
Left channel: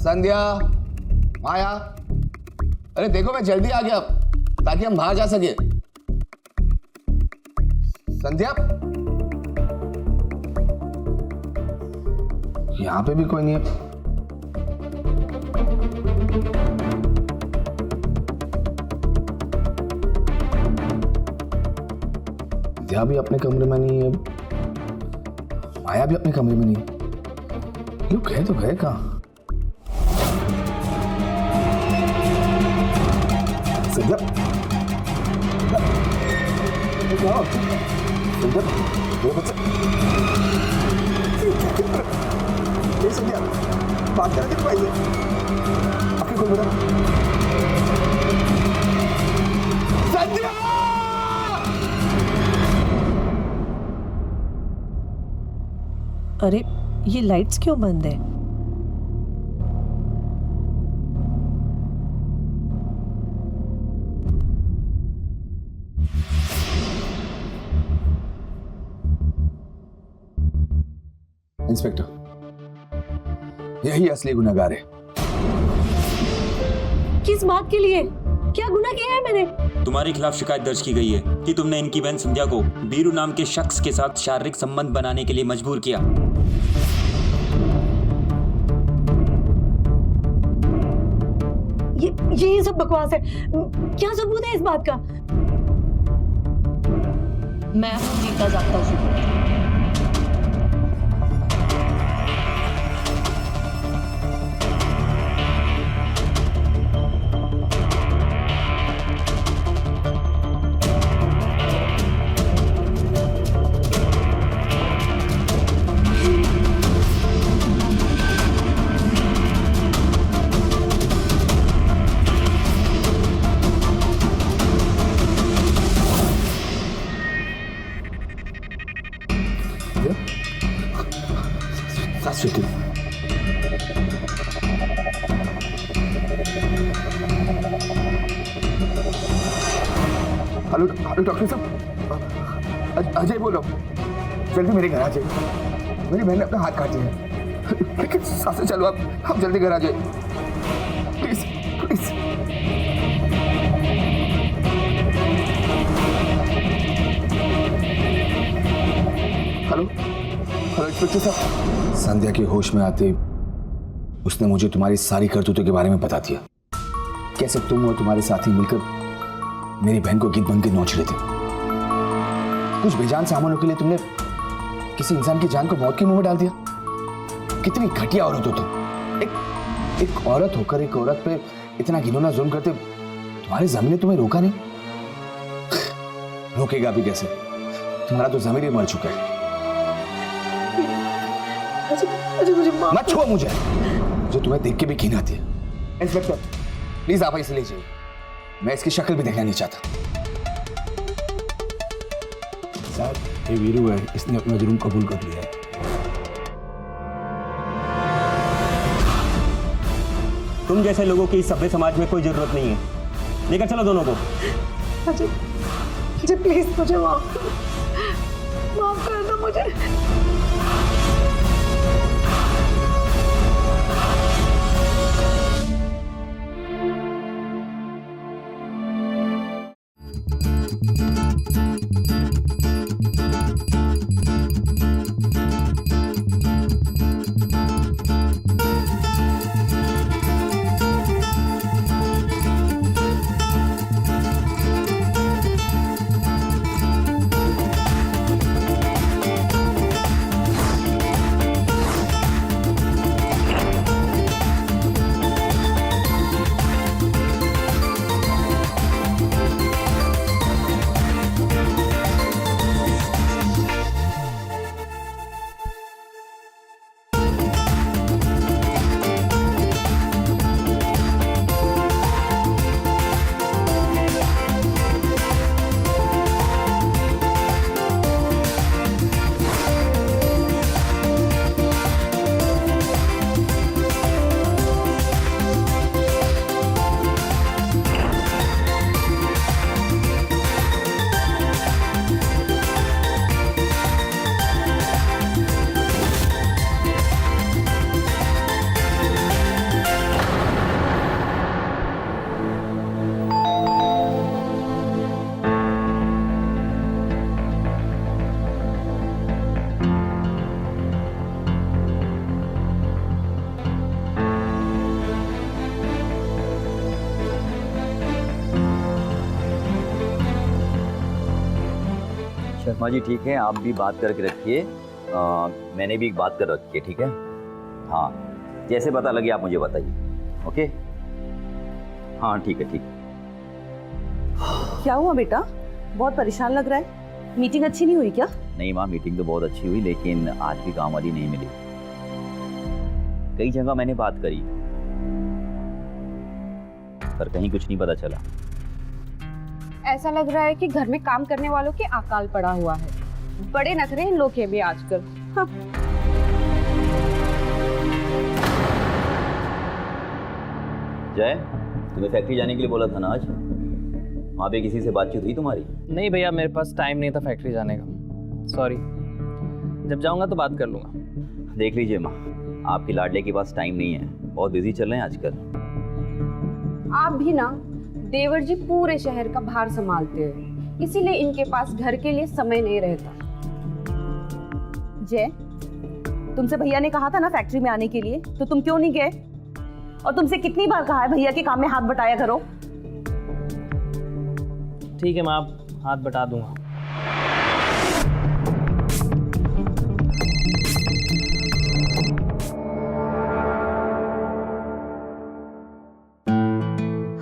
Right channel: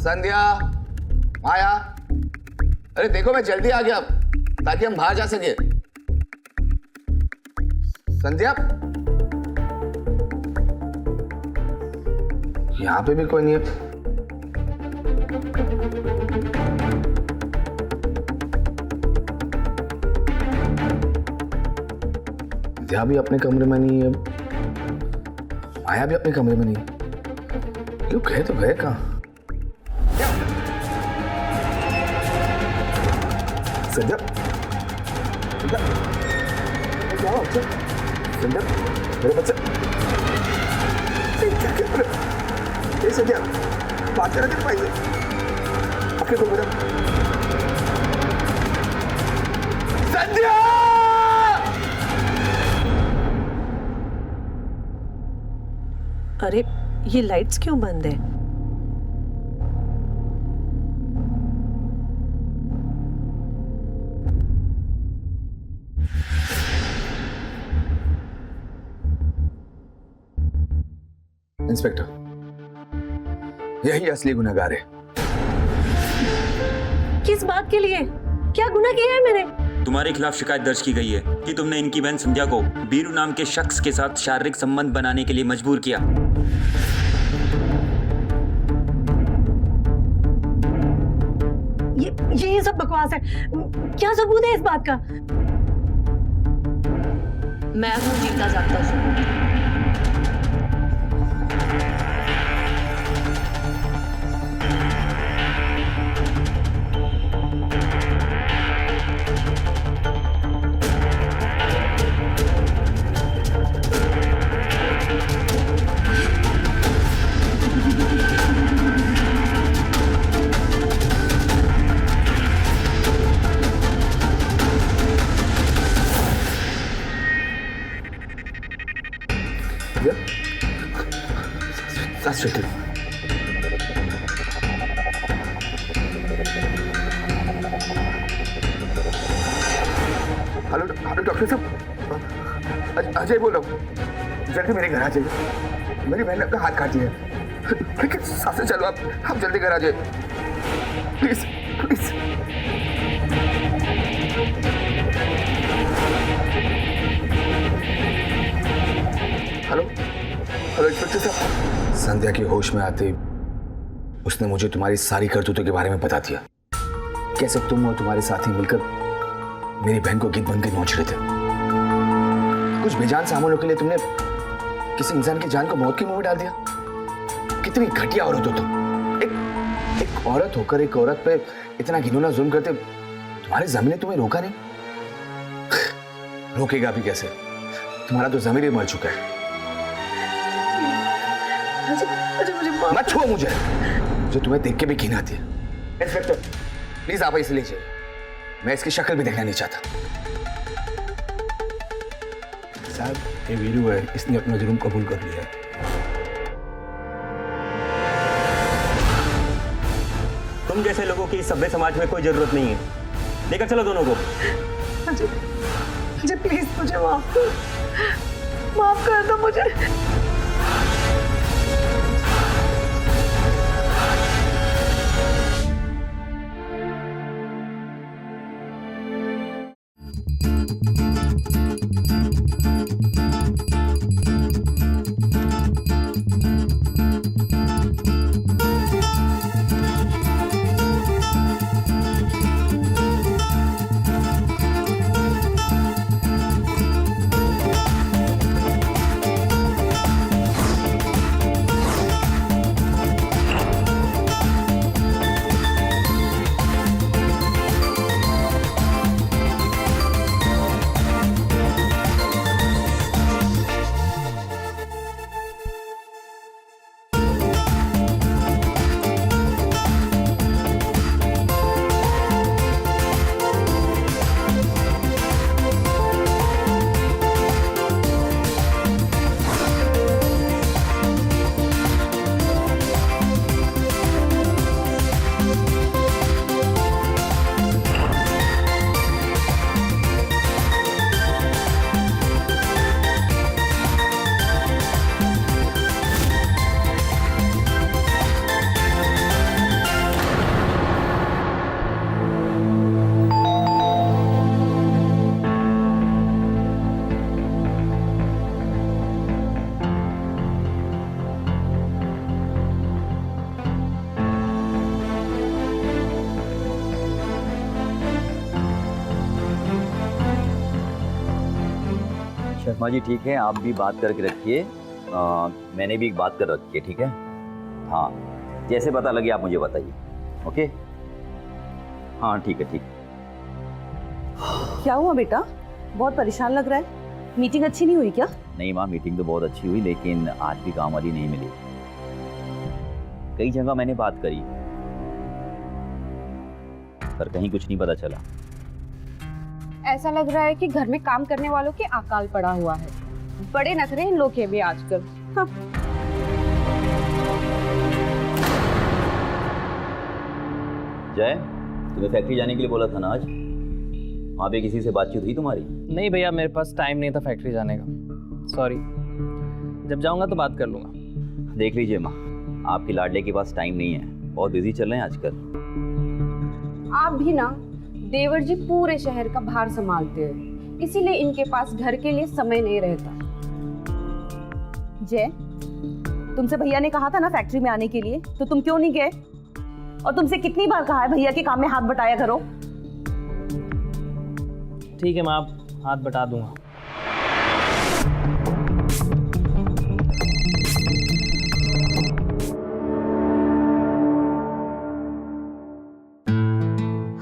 संध्या, माया, अरे देखो मैं जल्दी आ गया ताकि हम बाहर जा सके। संध्या, यहां पे भी कोई नहीं है। संध्या भी अपने कमरे में नहीं है, माया भी अपने कमरे में नहीं है। लोग गए तो गए कहाँ? संध्या, क्या हुआ? संध्या, मेरे बच्चे क्या कर रहे? ए संध्या, बात कर रहे थे भाई से। आपके कौन बेटा? संध्या! अरे ये लाइट्स क्यों बंद है? इंस्पेक्टर, यही असली गुनहगार है। किस बात के लिए? क्या गुनाह किया है मैंने? तुम्हारे खिलाफ शिकायत दर्ज की गई है कि तुमने इनकी बहन संध्या को बीरू नाम के शख्स के साथ शारीरिक संबंध बनाने के लिए मजबूर किया। ये सब बकवास है। क्या सबूत है इस बात का? मैं हूँ जीता जागता सबूत। हेलो हेलो डॉक्टर साहब, अजय बोल रहा हूँ। जल्दी मेरे घर आ जाइए। मेरी बहन ने अपना हाथ काट दिया है। लेकिन साथ चलो आप जल्दी घर आ जाइए please please. Hello hello inspector साहब। संध्या के होश में आते उसने मुझे तुम्हारी सारी करतूतों के बारे में बता दिया। कैसे तुम और तुम्हारे साथी मिलकर मेरी बहन को गीत बन के नोच रहे थे। कुछ बेजान सामानों के लिए तुमने किसी इंसान की जान को मौत के मुंह में डाल दिया। कितनी घटिया औरत हो तुम। एक औरत होकर एक औरत पे इतना घिनौना जुल्म करते तुम्हारी ज़मीन ने तुम्हें रोका नहीं। रोकेगा भी कैसे? तुम्हारा तो ज़मीर ही मर चुका है। अजय मुझे माफ मत छुओ मुझे, जो तुम्हें देख के भी घिन आती है। इंस्पेक्टर प्लीज आप इसे ले जाइए। मैं इसकी शक्ल भी देखना नहीं चाहता। साहब ये वीरू है, इसने अपना जुर्म कबूल कर लिया है। तुम जैसे लोगों की इस सभ्य समाज में कोई जरूरत नहीं है। लेकर चलो दोनों को। अजय प्लीज मुझे माफ कर दो मुझे। शर्मा जी ठीक है, आप भी बात करके रखिए। मैंने भी एक बात कर रखी है, ठीक है? हाँ, जैसे पता लगे आप मुझे बताइए। ओके? हाँ ठीक है, ठीक है। क्या हुआ बेटा, बहुत परेशान लग रहा है। मीटिंग अच्छी नहीं हुई क्या? नहीं माँ, मीटिंग तो बहुत अच्छी हुई, लेकिन आज भी काम वाली नहीं मिली। कई जगह मैंने बात करी, पर कहीं कुछ नहीं पता चला। ऐसा लग रहा है कि घर में काम करने वालों के अकाल पड़ा हुआ है। बड़े नखरे इन लोग के भी आजकल। हाँ। जय, तुम्हें फैक्ट्री जाने के लिए बोला था ना आज? वहाँ पे किसी से बातचीत हुई तुम्हारी? नहीं भैया, मेरे पास टाइम नहीं था फैक्ट्री जाने का, सॉरी। जब जाऊंगा तो बात कर लूंगा। देख लीजिए माँ, आपके लाडले के पास टाइम नहीं है, बहुत बिजी चल रहे हैं आजकल। आप भी ना, देवर जी पूरे शहर का भार संभालते हैं, इसीलिए इनके पास घर के लिए समय नहीं रहता। जय, तुमसे भैया ने कहा था ना फैक्ट्री में आने के लिए, तो तुम क्यों नहीं गए? और तुमसे कितनी बार कहा है भैया के काम में हाथ बटाया करो। ठीक है माँ, आप हाथ बटा दूंगा।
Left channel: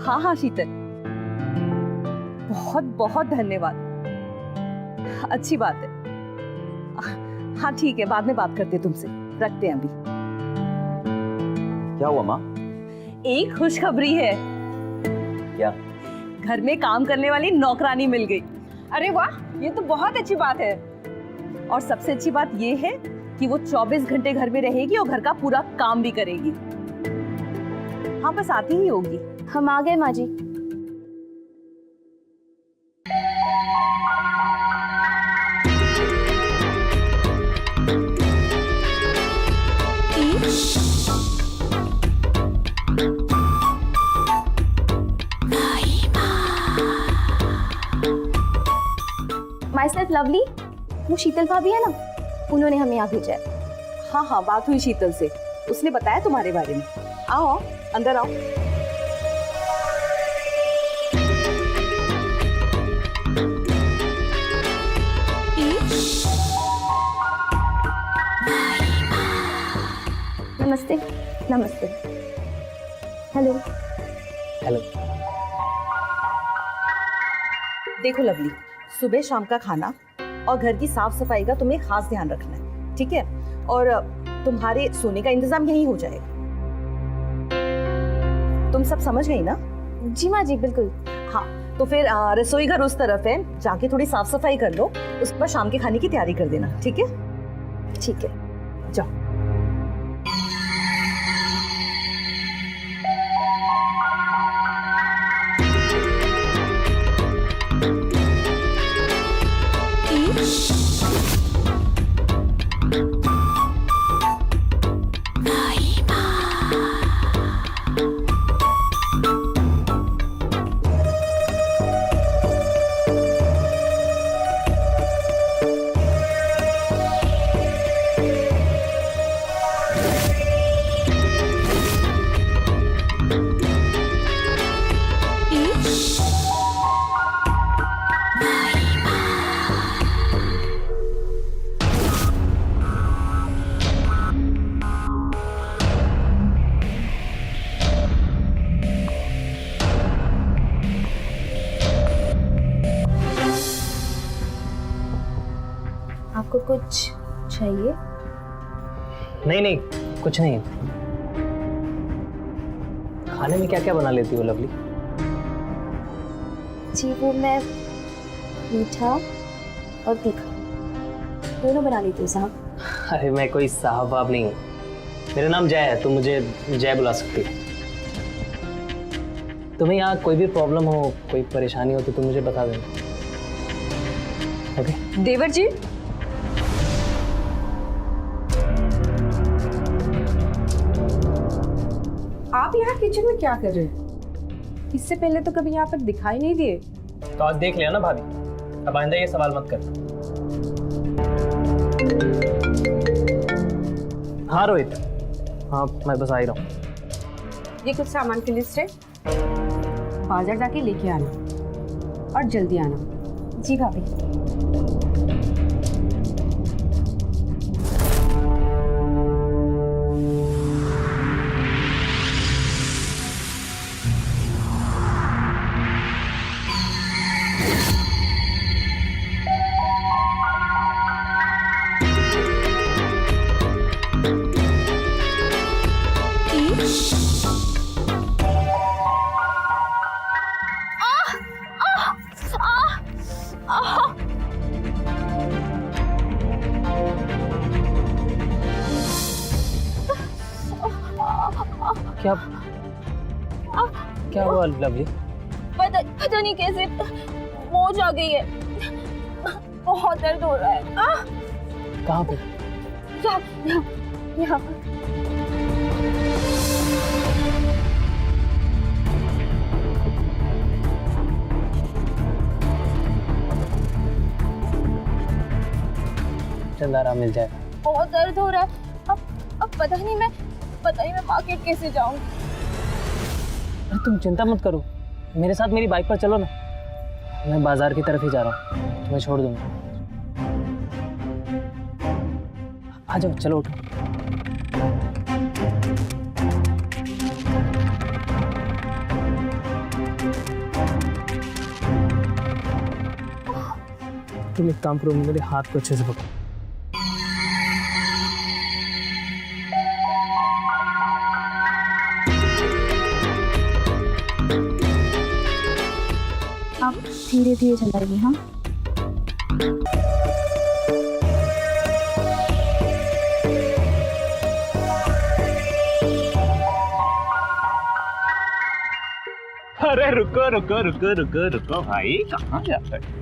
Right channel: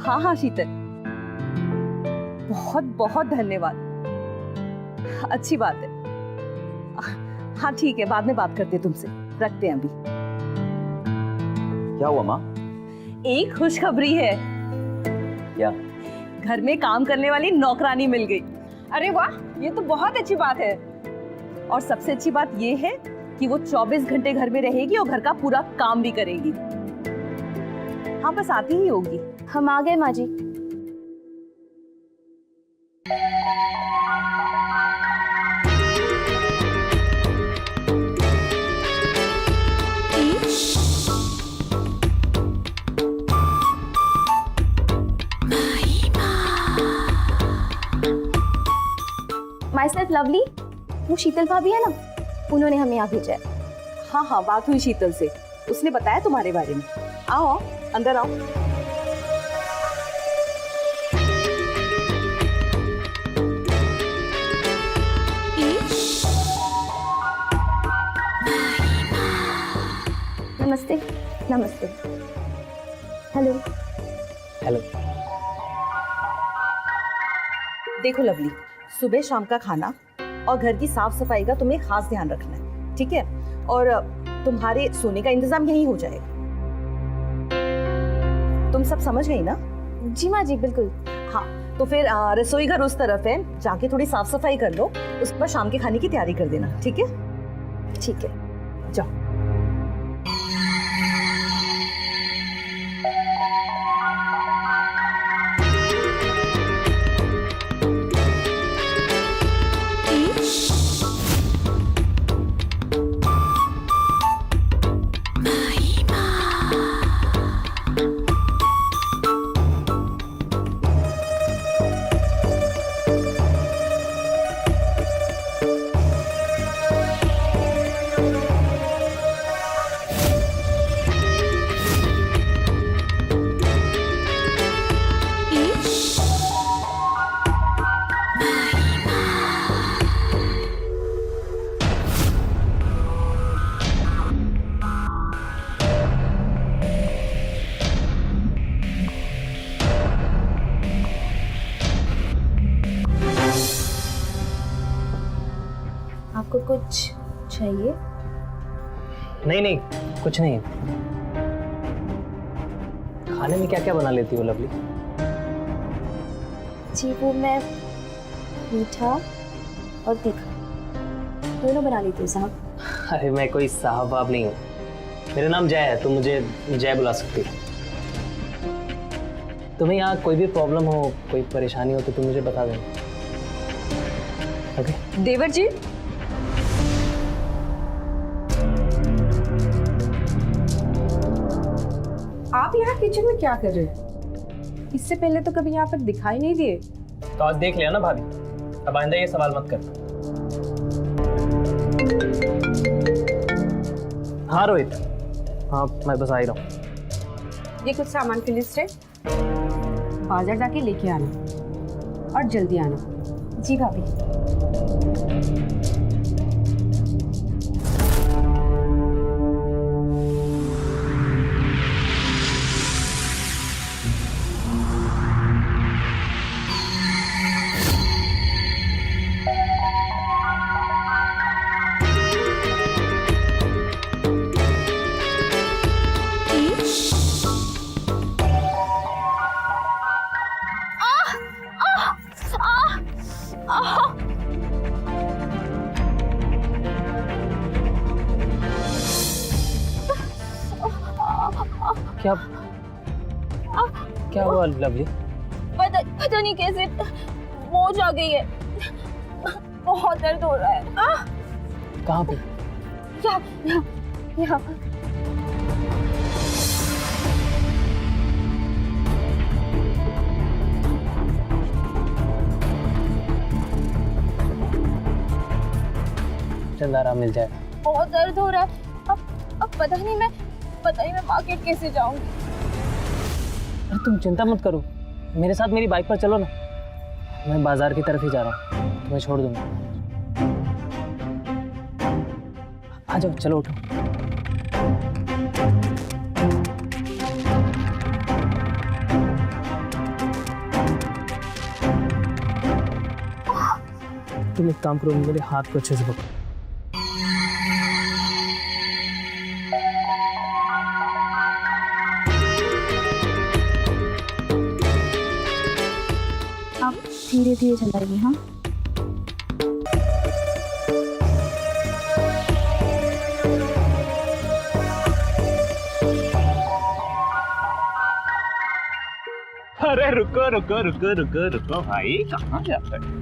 हाँ हाँ शीतल, बहुत बहुत धन्यवाद, अच्छी बात है। हाँ ठीक है, बाद में बात करते हैं तुमसे, रखते हैं अभी। क्या हुआ माँ? एक खुशखबरी है। क्या? घर में काम करने वाली नौकरानी मिल गई। अरे वाह, ये तो बहुत अच्छी बात है। और सबसे अच्छी बात ये है कि वो 24 घंटे घर में रहेगी और घर का पूरा काम भी करेगी। हाँ, बस आती ही होगी। हम आ गए माँ जी। माई सेल्फ लवली, वो शीतल भाभी है ना, उन्होंने हमें यहाँ भेजा है। हाँ हाँ, बात हुई शीतल से, उसने बताया तुम्हारे बारे में। आओ आओ, अंदर आओ। नमस्ते। नमस्ते। हेलो। हेलो। देखो लवली, सुबह शाम का खाना और घर की साफ सफाई का तुम्हें खास ध्यान रखना है, ठीक है? और तुम्हारे सोने का इंतजाम यहीं हो जाएगा। तुम सब समझ गई ना? जी माँ जी, बिल्कुल। हाँ, तो फिर रसोई घर उस तरफ है, जाके थोड़ी साफ सफाई कर लो, उसके बाद शाम के खाने की तैयारी कर देना, ठीक है? ठीक है, जाओ। आपको कुछ चाहिए? नहीं नहीं, कुछ नहीं। खाने में क्या क्या बना लेती हो लवली? जी, वो मैं मीठा और तीखा दोनों बना लेती हूँ साहब। अरे मैं कोई साहब बाब नहीं हूँ, मेरा नाम जय है, तुम मुझे जय बुला सकती हो। तुम्हें यहाँ कोई भी प्रॉब्लम हो, कोई परेशानी हो तो तुम मुझे बता देना, ओके? देवर जी, आप यहाँ किचन में क्या कर रहे हैं? इससे पहले तो कभी यहाँ पर दिखाई नहीं दिए। तो आज देख लिया ना भाभी, अब आइंदा ये सवाल मत कर। हाँ रोहित, हाँ मैं बस आ ही रहा हूँ। ये कुछ सामान की लिस्ट है, बाजार जाके लेके आना और जल्दी आना। जी भाभी। क्या क्या हुआ लवली? पता नहीं कैसे मोच आ गई है, बहुत दर्द हो रहा है। कहाँ पे? यहाँ चल आराम मिल जाएगा। बहुत दर्द हो रहा है। अब पता नहीं मैं मार्केट कैसे जाऊंगी। अरे तुम चिंता मत करो, मेरे साथ मेरी बाइक पर चलो ना, मैं बाजार की तरफ ही जा रहा हूँ, तुम्हें छोड़ दूंगा। आ जाओ, चलो उठो। तुम एक काम करो, मेरे हाथ को अच्छे से पकड़ो। आप धीरे धीरे चलाइए। हाँ, अरे रुको रुको रुको रुको रुको भाई, कहाँ जाते हैं?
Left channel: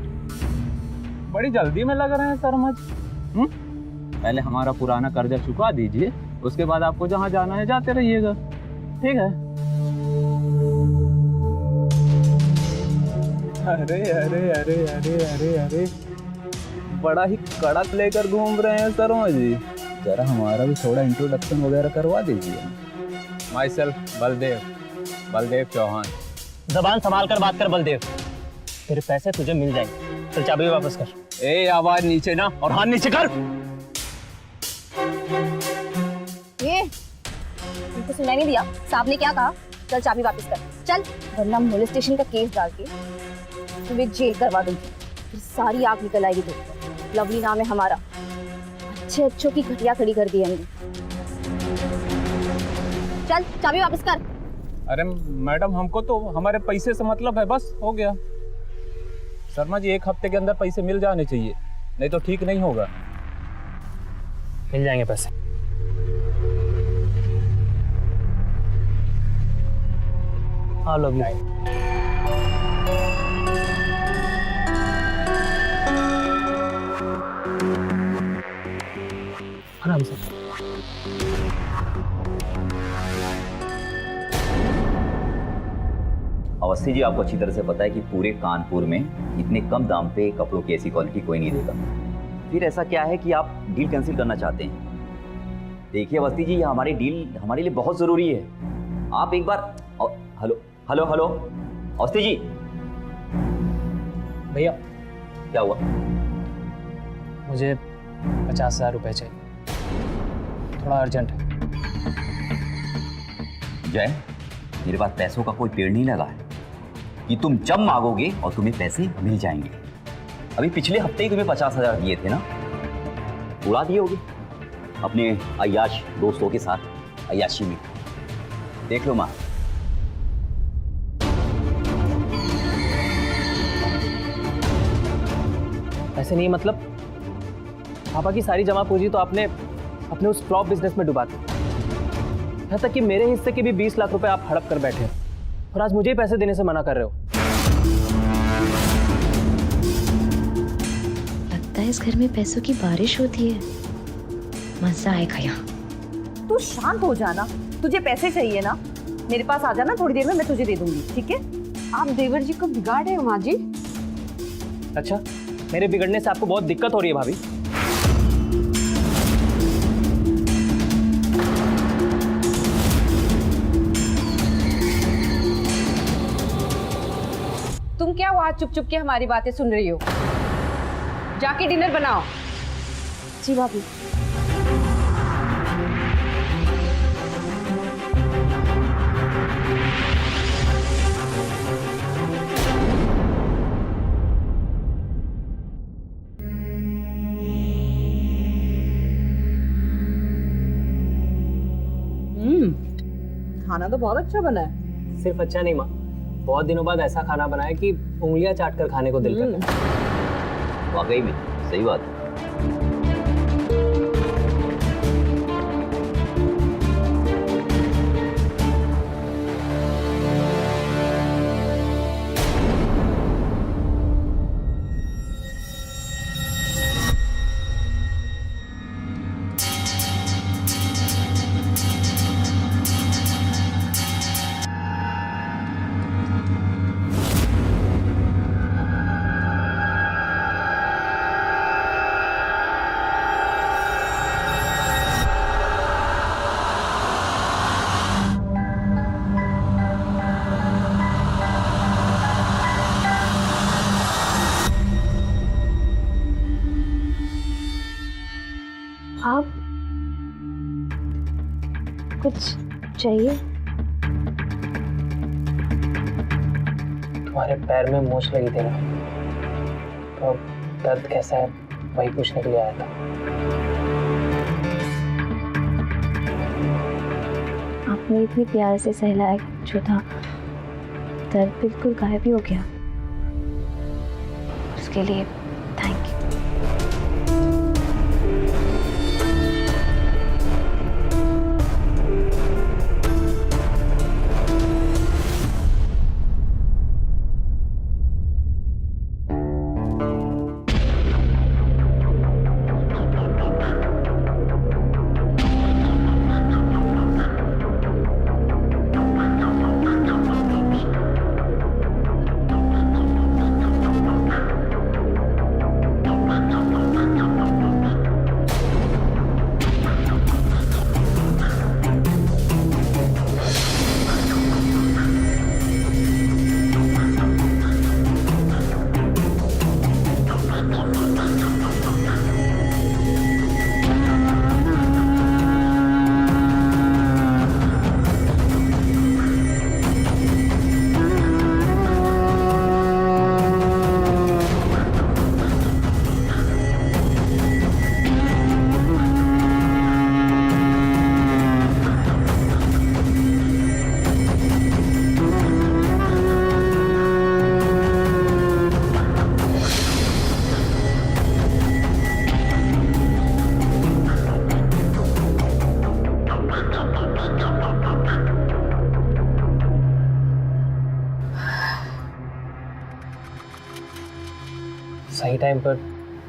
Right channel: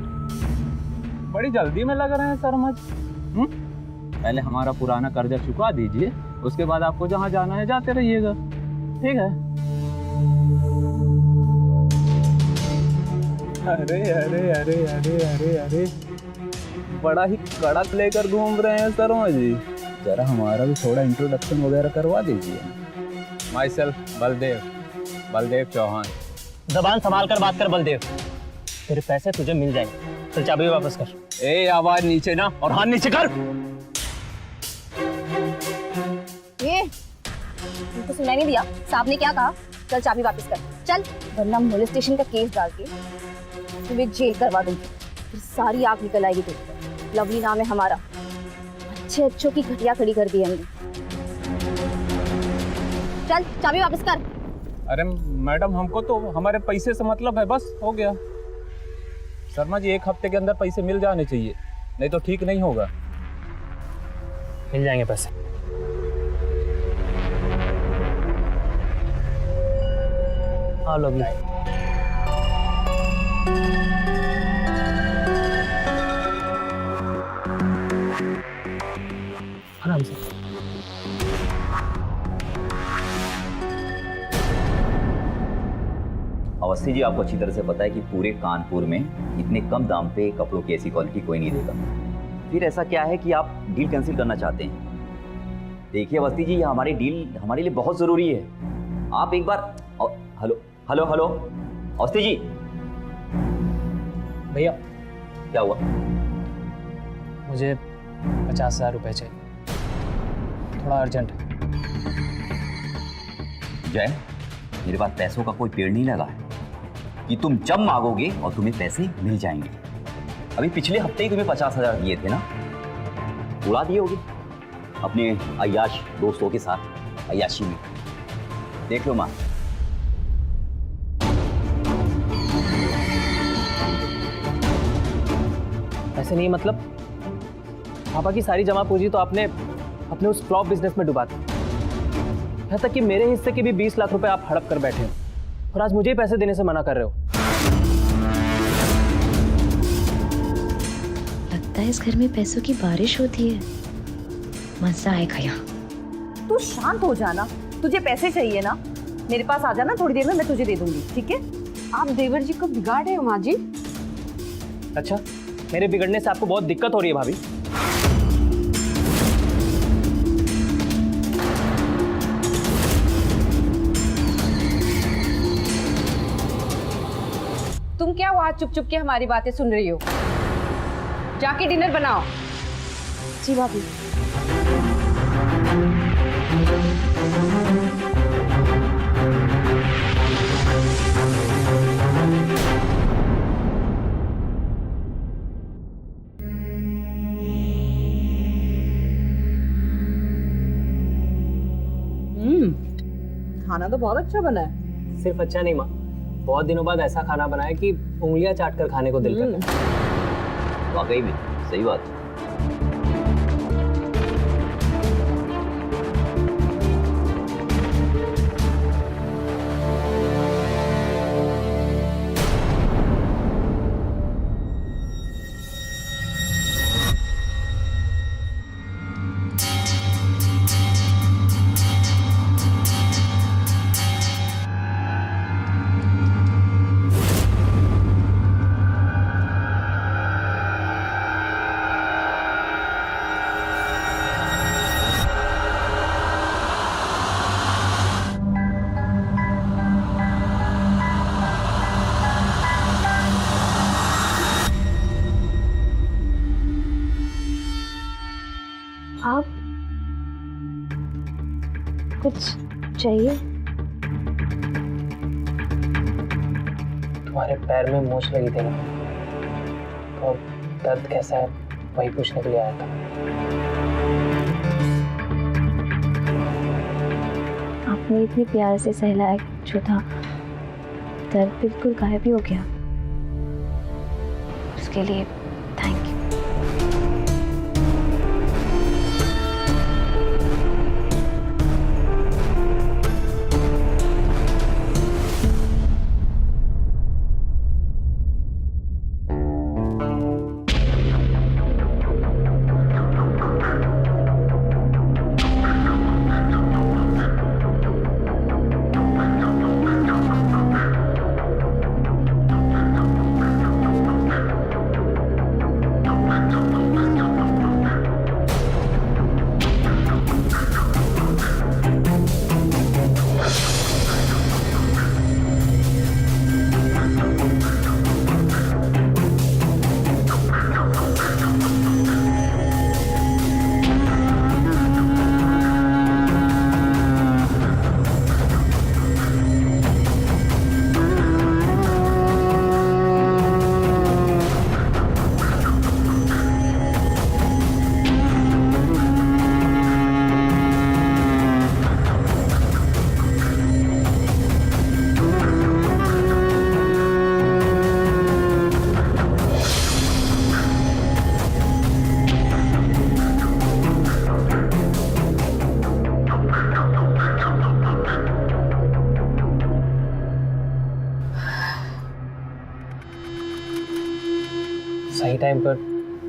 बड़ी जल्दी में लग रहे हैं शर्मा जी। पहले हमारा पुराना कर्जा चुका दीजिए, उसके बाद आपको जहाँ जाना है जाते रहिएगा, ठीक है? अरे अरे अरे अरे अरे अरे, बड़ा ही कड़क लेकर घूम रहे हैं शर्मा जी। जरा हमारा भी थोड़ा इंट्रोडक्शन वगैरह करवा दीजिए। Myself Baldev Chauhan. जबान संभाल कर बात कर बलदेव, तेरे पैसे तुझे मिल जाएंगे। चल चाबी वापस कर। ए आवाज नीचे ना, और हाथ नीचे कर। ये तुमको सुनाई नहीं दिया साहब ने क्या कहा? चल चाबी वापस कर, चल, वरना मोलेस्टेशन का केस डाल के तुम्हें जेल करवा दूंगी, फिर सारी आग निकल आएगी तुम। लवली नाम है हमारा, अच्छों की घटिया खड़ी कर दी हमने। चल चाबी वापस कर। अरे मैडम, हमको तो हमारे पैसे से मतलब है, बस हो गया। शर्मा जी, 1 हफ्ते के अंदर पैसे मिल जाने चाहिए, नहीं तो ठीक नहीं होगा। मिल जाएंगे पैसे। हाँ लवली, आराम से। अवस्थी जी, आपको अच्छी तरह से पता है कि पूरे कानपुर में इतने कम दाम पे कपड़ों की ऐसी क्वालिटी कोई नहीं देता। फिर ऐसा क्या है कि आप डील कैंसिल करना चाहते हैं? देखिए अवस्थी जी, ये हमारी डील हमारे लिए बहुत ज़रूरी है। आप एक बार hello hello hello Awasthi ji. भैया क्या हुआ? मुझे 50,000 रुपये चाहिए, थोड़ा अर्जेंट है। जय, मेरे पास पैसों का कोई पेड़ नहीं लगा है कि तुम जब मांगोगे और तुम्हें पैसे मिल जाएंगे। अभी पिछले हफ्ते ही तुम्हें 50,000 दिए थे ना, उड़ा दिए होगे अपने अय्याश दोस्तों के साथ अय्याशी में। देख लो माँ। ऐसे नहीं, मतलब पापा की सारी जमा पूंजी तो आपने अपने उस फ्लॉप बिजनेस में डुबा दी, यहाँ तक कि मेरे हिस्से के भी 20 लाख रुपए आप हड़प कर बैठे हो, और आज मुझे ही पैसे देने से मना कर रहे हो। लगता है इस घर में पैसों की बारिश होती है, मजा आएगा यहाँ। तू शांत हो जाना, तुझे पैसे चाहिए ना, मेरे पास आ जाना, थोड़ी देर में मैं तुझे दे दूंगी, ठीक है? आप देवर जी को बिगाड़ रहे हो माँ जी। अच्छा, मेरे बिगड़ने से आपको बहुत दिक्कत हो रही है भाभी? तुम क्या वहां चुप चुप के हमारी बातें सुन रही हो? जाके डिनर बनाओ। जी भाभी। खाना तो बहुत अच्छा बना है। सिर्फ अच्छा नहीं माँ, बहुत दिनों बाद ऐसा खाना बनाया कि उंगलियां चाट कर खाने को दिल करता है। वाकई में सही बात है। आप कुछ चाहिए? तुम्हारे पैर में मोच लगी थी ना, तो अब दर्द कैसा है वही पूछने के लिए आया था। आपने इतने प्यार से सहलाया जो था, दर्द बिल्कुल गायब ही हो गया। उसके लिए थैंक यू। सही टाइम पर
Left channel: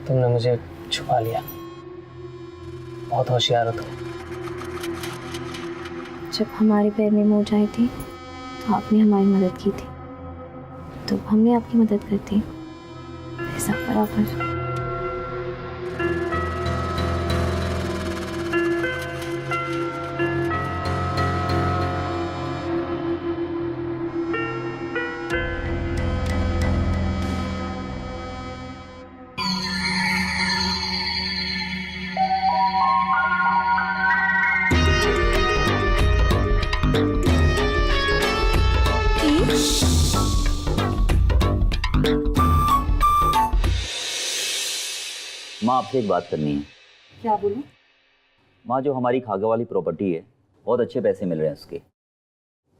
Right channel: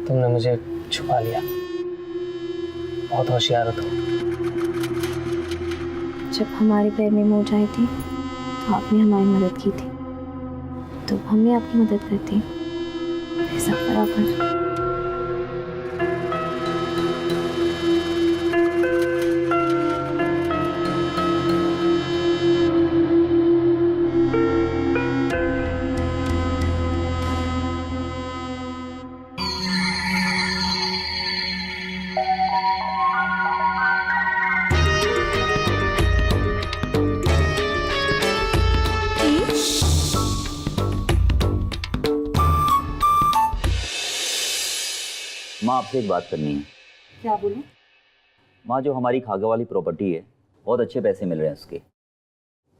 तुमने मुझे छुपा लिया। बहुत होशियार हो तुम। जब हमारे पैर में मोच आई थी तो आपने हमारी मदद की थी, तो हमने आपकी मदद कर दी। ऐसा बराबर। माँ आपसे एक बात करनी है। क्या बोलूं? माँ जो हमारी खागा वाली प्रॉपर्टी है बहुत अच्छे पैसे मिल रहे हैं उसके,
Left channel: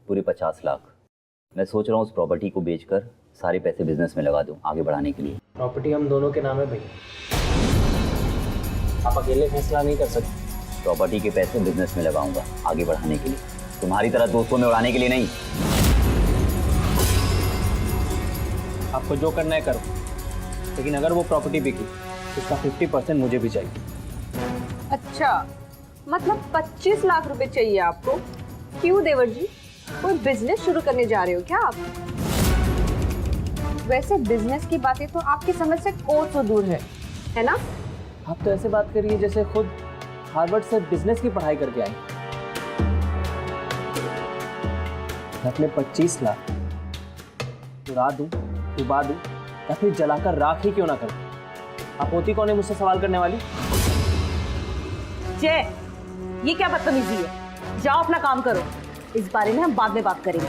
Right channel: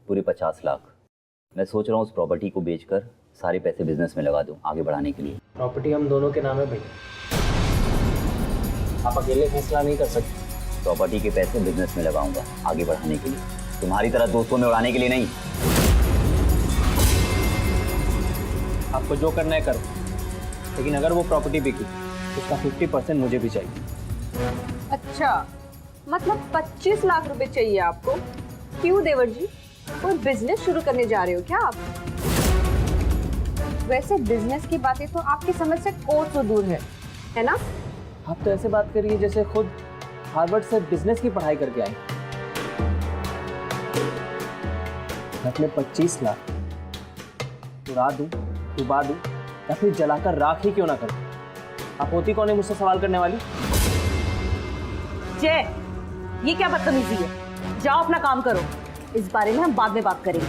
पूरे 50 लाख। मैं सोच रहा हूँ उस प्रॉपर्टी को बेचकर सारे पैसे बिजनेस में लगा दूँ आगे बढ़ाने के लिए। प्रॉपर्टी हम दोनों के नाम है भैया, आप अकेले फैसला नहीं कर सकते। प्रॉपर्टी के पैसे बिजनेस में लगाऊंगा आगे बढ़ाने के लिए, तुम्हारी तरह दोस्तों में उड़ाने के लिए नहीं। आपको जो करना है करो, लेकिन अगर वो प्रॉपर्टी बिकी तो उसका 50% मुझे भी चाहिए। अच्छा, मतलब 25 लाख रुपए चाहिए आपको? क्यों देवर जी, कोई बिजनेस शुरू करने जा रहे हो क्या आप? वैसे बिजनेस की बातें तो आपकी समझ से कोसों दूर है ना? आप तो ऐसे बात करिए जैसे खुद हार्वर्ड से बिजनेस की पढ़ाई करके आई। मैं अपने 25 लाख उड़ा दूं, डुबा दूं या फिर जलाकर राख ही क्यों ना कर दूं, आप होती कौन है मुझसे सवाल करने वाली? जय, ये क्या बदतमीजी है? जाओ अपना काम करो, इस बारे में हम बाद में बात करेंगे।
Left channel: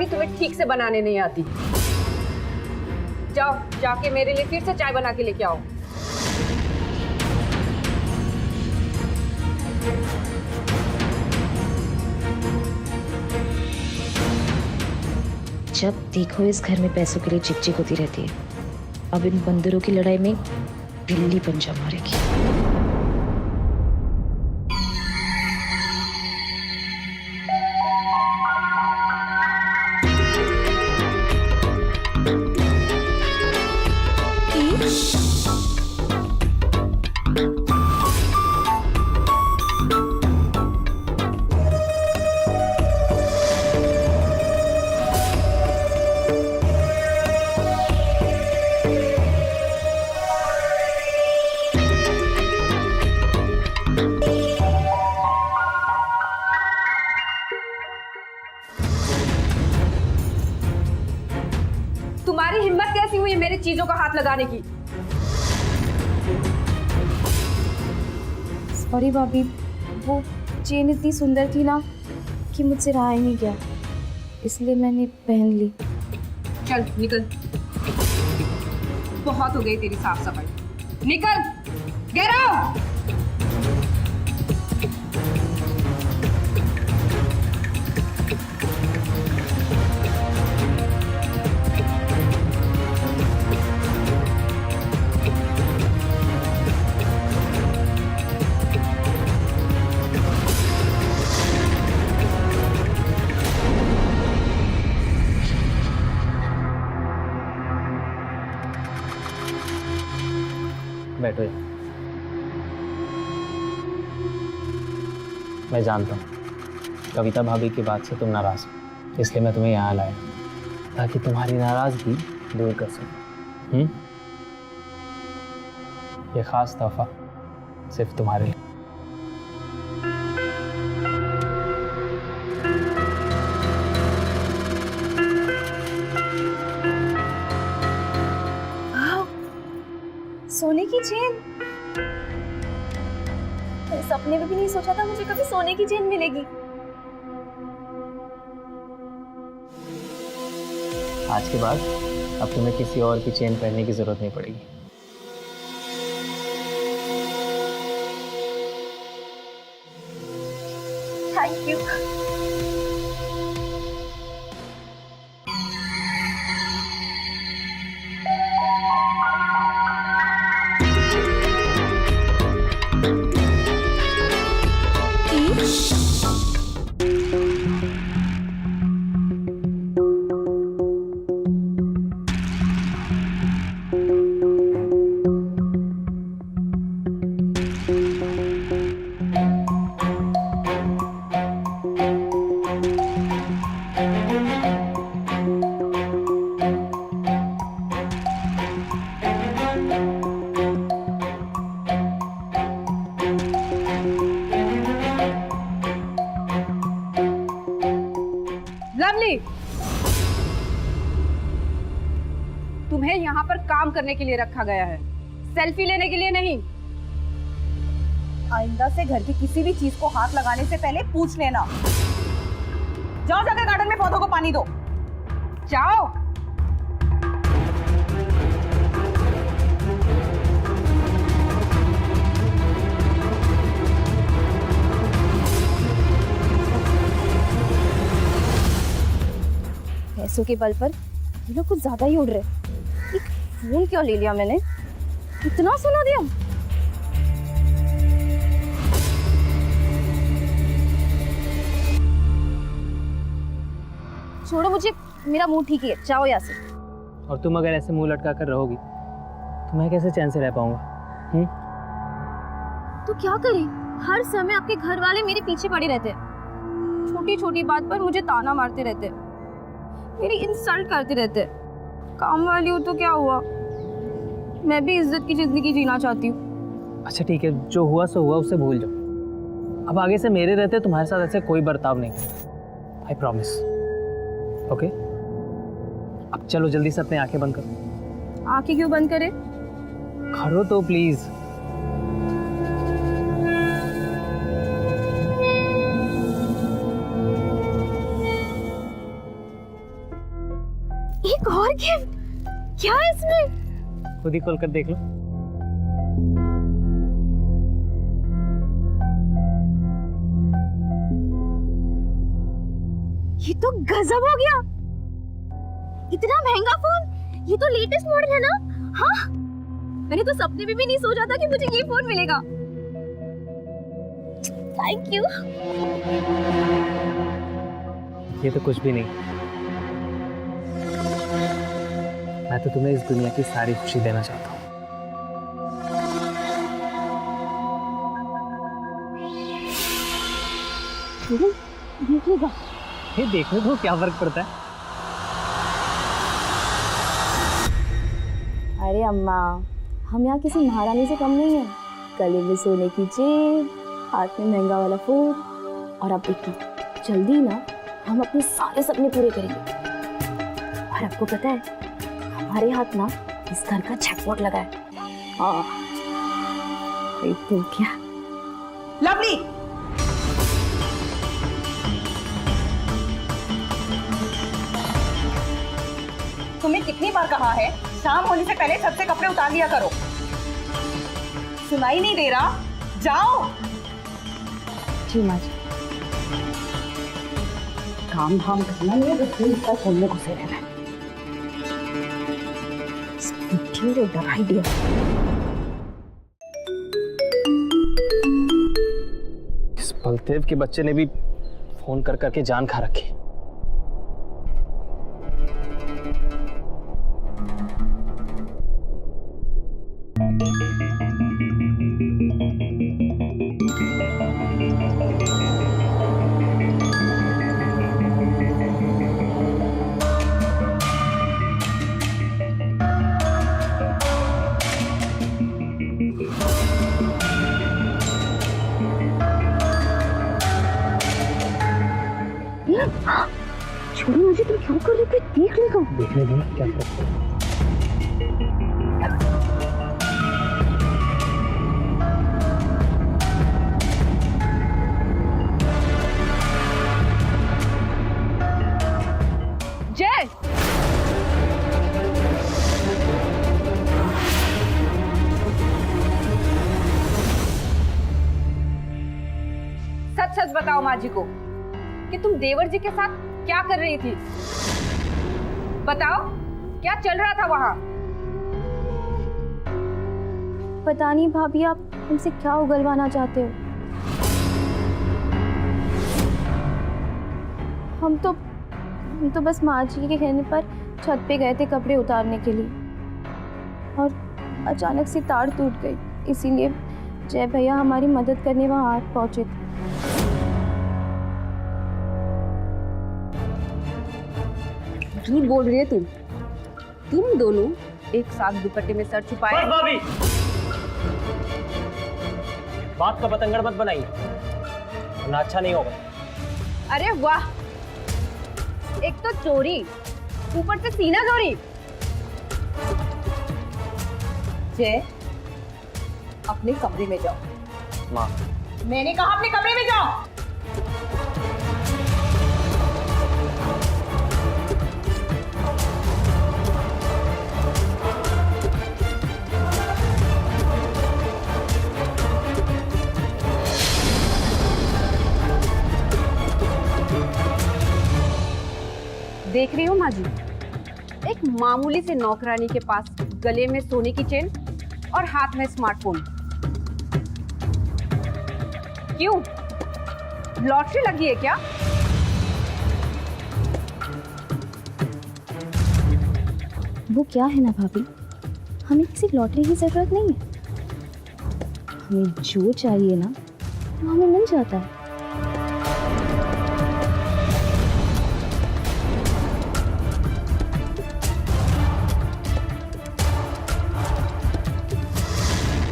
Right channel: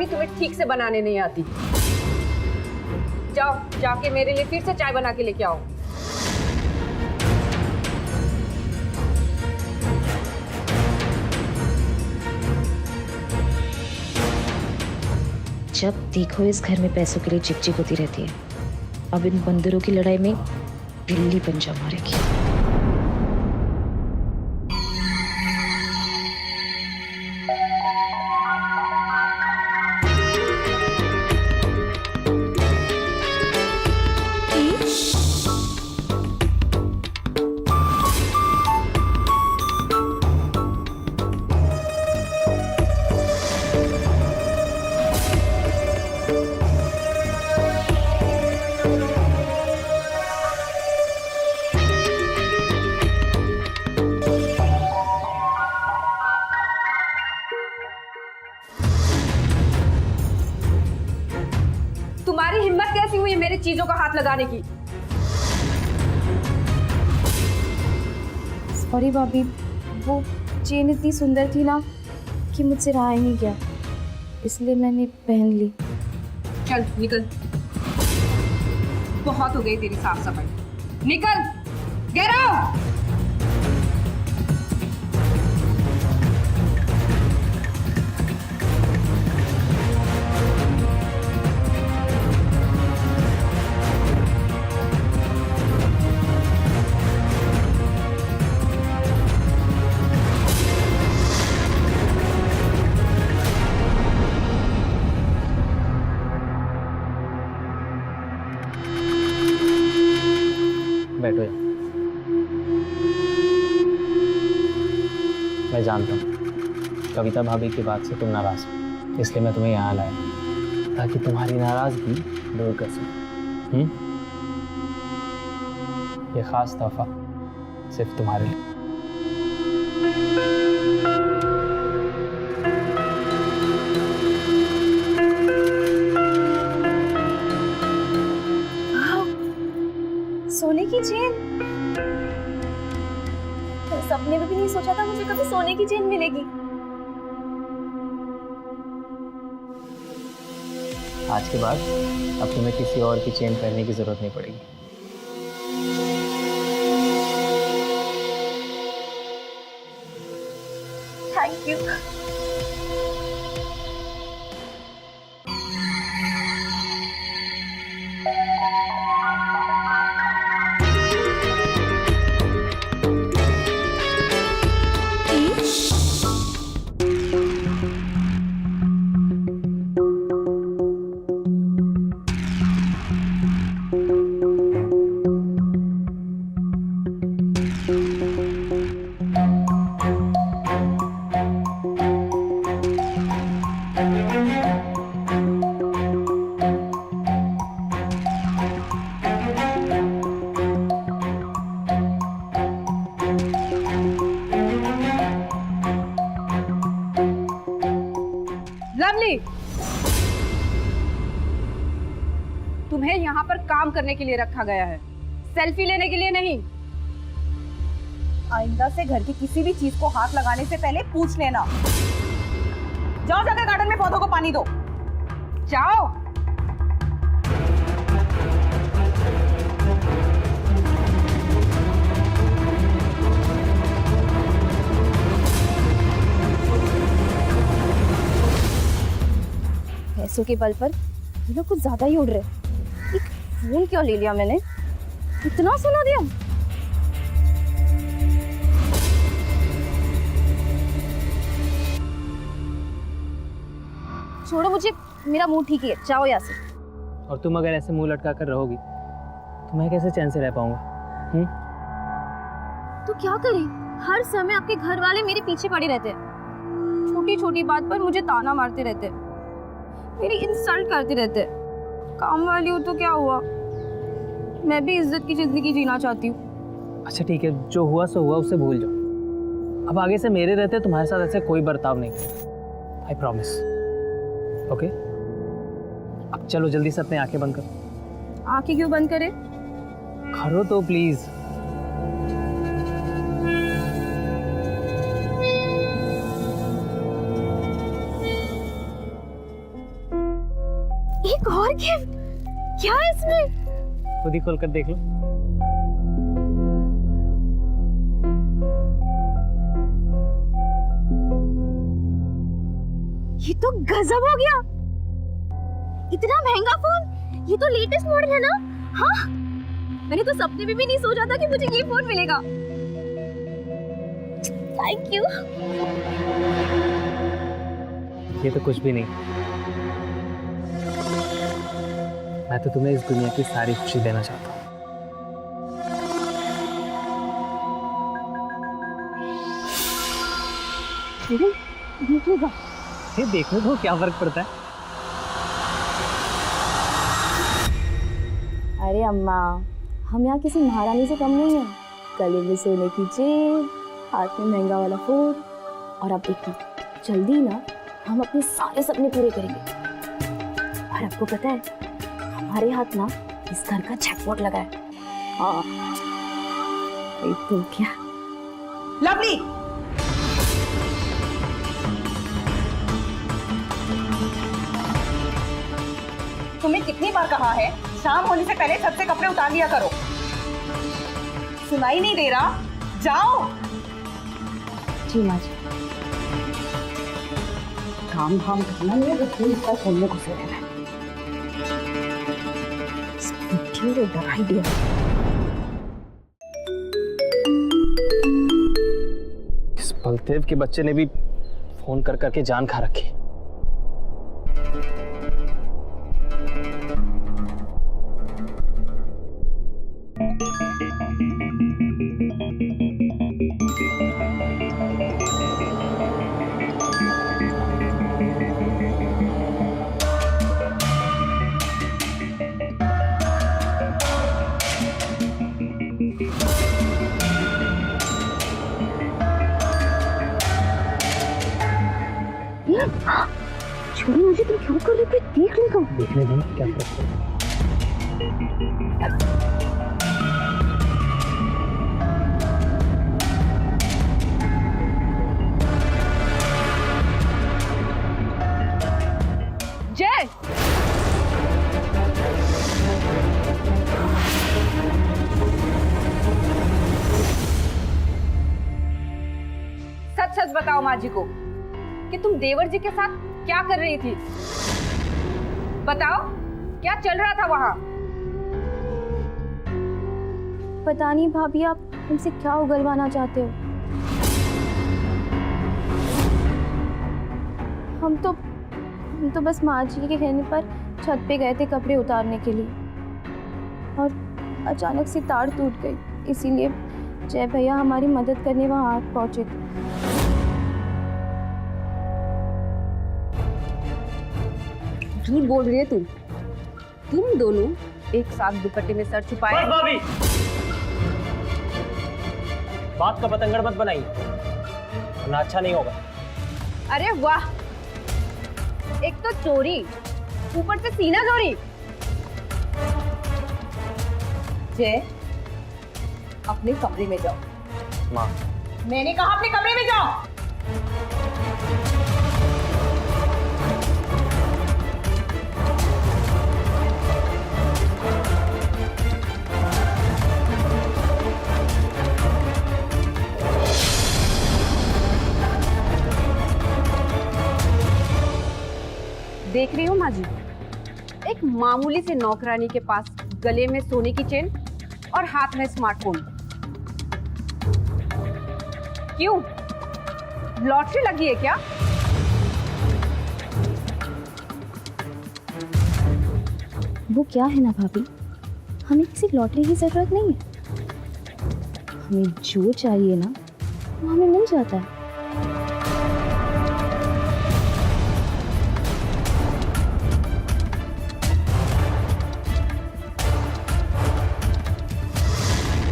भी तुम्हें ठीक से बनाने नहीं आती। जाओ जाके मेरे लिए फिर से चाय बना के लेके आओ। जब देखो इस घर में पैसों के लिए चिक होती रहती है। अब इन बंदरों की लड़ाई में बिल्ली पंजा मारेगी। तुम्हारी हिम्मत कैसी हुई मेरी चीजों का हाथ लगाने की? सॉरी भाभी, वो चेन इतनी सुंदर थी ना कि मुझसे रहा ही नहीं गया, इसलिए मैंने पहन ली। चल निकल, बहुत हो गई तेरी साफ सफाई। निकल, गेट आउट। बैठो यार। मैं जानता हूँ कविता भाभी की बात से तुम नाराज हो, इसलिए मैं तुम्हें यहाँ लाया ताकि तुम्हारी नाराजगी दूर कर सकूं। ये खास तोहफा सिर्फ तुम्हारे लिए। सोने की चेन? मैं सपने में भी नहीं सोचा था मुझे कभी सोने की चेन मिलेगी। आज के बाद अब तुम्हें किसी और की चेन पहनने की जरूरत नहीं पड़ेगी। Thank you. लवली, तुम्हें यहाँ पर काम करने के लिए रखा गया है, सेल्फी लेने के लिए नहीं। आइंदा से घर की किसी भी चीज को हाथ लगाने से पहले पूछ लेना। जाओ जाकर गार्डन में पौधों को पानी दो। जाओ। पैसों के बल पर ये लोग कुछ ज्यादा ही उड़ रहे। एक फोन क्यों ले लिया मैंने? इतना सुना दिया। छोड़ो मुझे, मेरा मुंह ठीक है, जाओ यहाँ से। और तुम अगर ऐसे मुंह लटका कर रहोगी तो मैं कैसे चैन से रह पाऊंगा? तो क्या करें, हर समय आपके घर वाले मेरे पीछे पड़े रहते, छोटी छोटी बात पर मुझे ताना मारते रहते, मेरी इंसल्ट करते रहते। काम वाली हूँ तो क्या हुआ, मैं भी इज्जत की जिंदगी जीना चाहती हूँ। अच्छा ठीक है, जो हुआ सो हुआ, उसे भूल जाओ। अब आगे से मेरे रहते तुम्हारे साथ ऐसे कोई बर्ताव नहीं करेगा, आई प्रॉमिस। ओके, अब चलो जल्दी से अपनी आंखें बंद करो। आंखें क्यों बंद करे? करो तो प्लीज। क्या है इसमें? खुद ही खोल कर देख लो। ये तो गजब हो गया। इतना महंगा फोन, ये तो लेटेस्ट मॉडल है ना? हाँ, मैंने तो सपने में भी नहीं सोचा था कि मुझे ये फोन मिलेगा। Thank you. ये तो कुछ भी नहीं, मैं तो तुम्हें इस दुनिया की सारी खुशी देना चाहता हूँ। देखिएगा, ये देखने को क्या फर्क पड़ता है? अरे अम्मा, हम यहाँ किसी महारानी से कम नहीं है। गले में सोने की चेन, हाथ में महंगा वाला फोन, और अब देखिए जल्दी ना हम अपने सारे सपने पूरे करेंगे। और आपको पता है, हमारे हाथ ना इस घर का जैकपॉट लगा है। हाँ, तो क्या? लवली, तुम्हें कितनी बार कहा है शाम होने से पहले छत से कपड़े उतार लिया करो। सुनाई नहीं दे रहा? जाओ। जी माँ जी। काम धाम करना नहीं है, तो खोलने को से रहना है। इस बलदेव के बच्चे ने भी फोन कर करके जान खा रखी। छोड़ो मुझे, तुम क्यों कर रहे थे? देख लेगा। देखने दो, क्या फर्क पड़ता है? जय, सच सच बताओ माँ जी को कि तुम देवर जी के साथ क्या कर रही थी। बताओ, क्या चल रहा था वहां? पता नहीं भाभी, आप हमसे क्या उगलवाना चाहते हो। हम तो बस माँ जी के कहने पर छत पे गए थे कपड़े उतारने के लिए, और अचानक से तार टूट गई, इसीलिए जय भैया हमारी मदद करने वहां पहुंचे थे। झूठ बोल रही है तुम दोनों एक साथ दुपट्टे में सर छुपाए। भाभी, बात का बतंगड़ मत बनाइए, वरना अच्छा नहीं होगा। अरे वाह, एक तो चोरी, ऊपर से सीना चोरी। जय, अपने कमरे में जाओ। माँ, मैंने कहा अपने कमरे में जाओ। देख रही हो माँ जी, एक मामूली से नौकरानी के पास गले में सोने की चेन और हाथ में स्मार्टफोन। क्यों, लॉटरी लगी है क्या? वो क्या है ना भाभी, हमें किसी लॉटरी की जरूरत नहीं है। हमें जो चाहिए ना वो हमें मिल जाता है।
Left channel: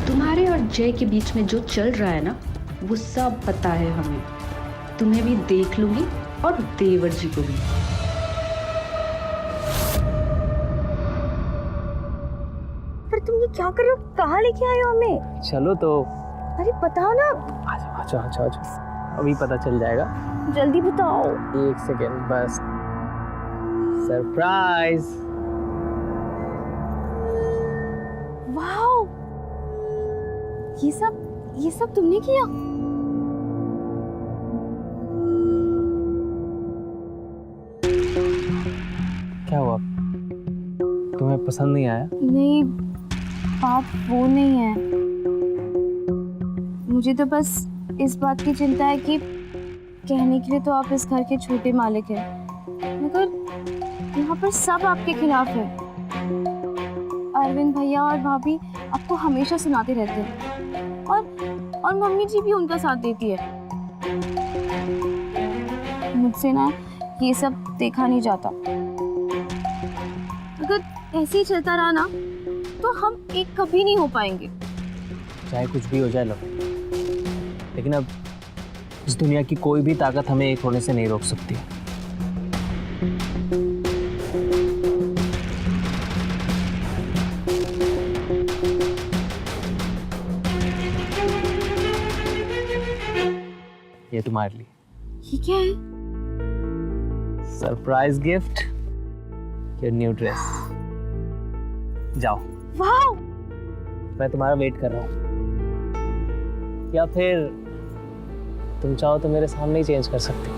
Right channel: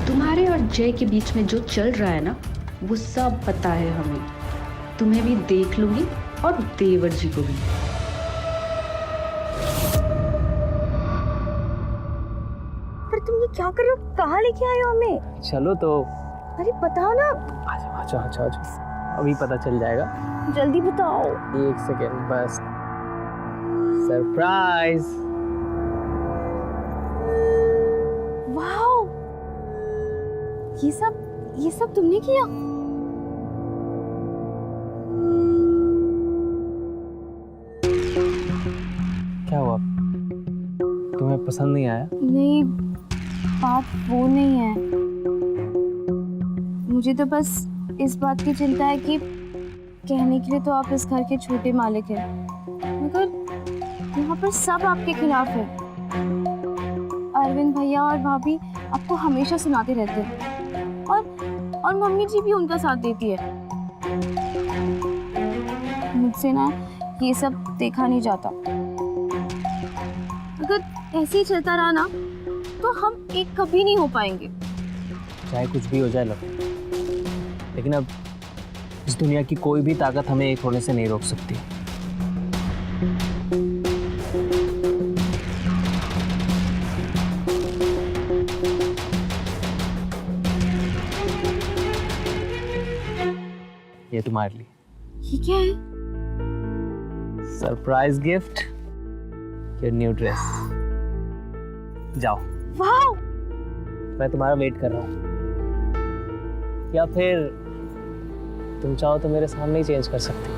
तुम्हारे और जय के बीच में जो चल रहा है ना, वो सब पता है हमें। तुम्हें भी देख लूंगी और देवर जी को भी। पर तुम ये क्या कर रहे हो? कहाँ लेके आए हो हमें? चलो तो। अरे बताओ ना। अच्छा, अभी पता चल जाएगा। जल्दी बताओ। 1 सेकेंड बस। सरप्राइज। ये सब तुमने किया? क्या हुआ, तुम्हें पसंद नहीं आया? नहीं, बात वो नहीं है। मुझे तो बस इस बात की चिंता है कि कहने के लिए तो आप इस घर के छोटे मालिक हैं, मगर यहाँ पर सब आपके खिलाफ है। अरविंद भैया और भाभी आपको हमेशा सुनाते रहते हैं और मम्मी जी भी उनका साथ देती है। मुझसे ना ये सब देखा नहीं जाता। अगर ऐसे ही चलता रहा ना तो हम एक कभी नहीं हो पाएंगे। चाहे कुछ भी हो जाए लव, लेकिन अब इस दुनिया की कोई भी ताकत हमें एक होने से नहीं रोक सकती। ये तुम्हारे लिए। ये क्या है? Surprise gift, your new dress. जाओ, वाओ! मैं तुम्हारा वेट कर रहा हूँ, या फिर तुम चाहो तो मेरे सामने ही चेंज कर सकती हो।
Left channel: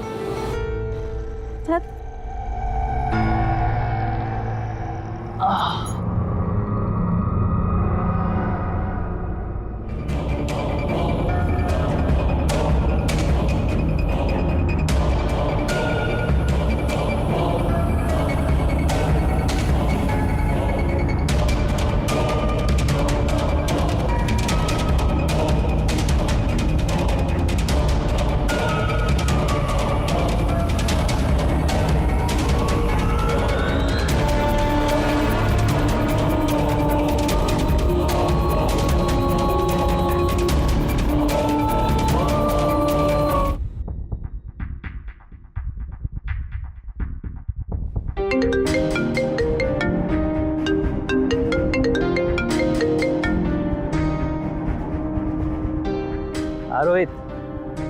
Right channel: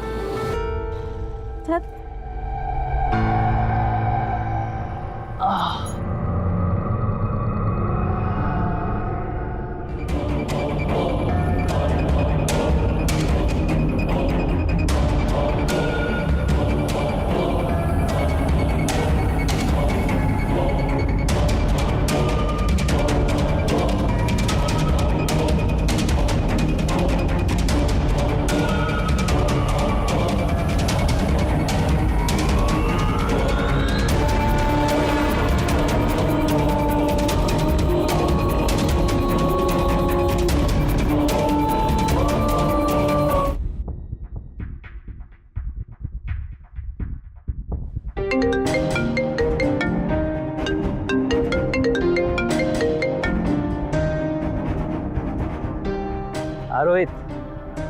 रोहित,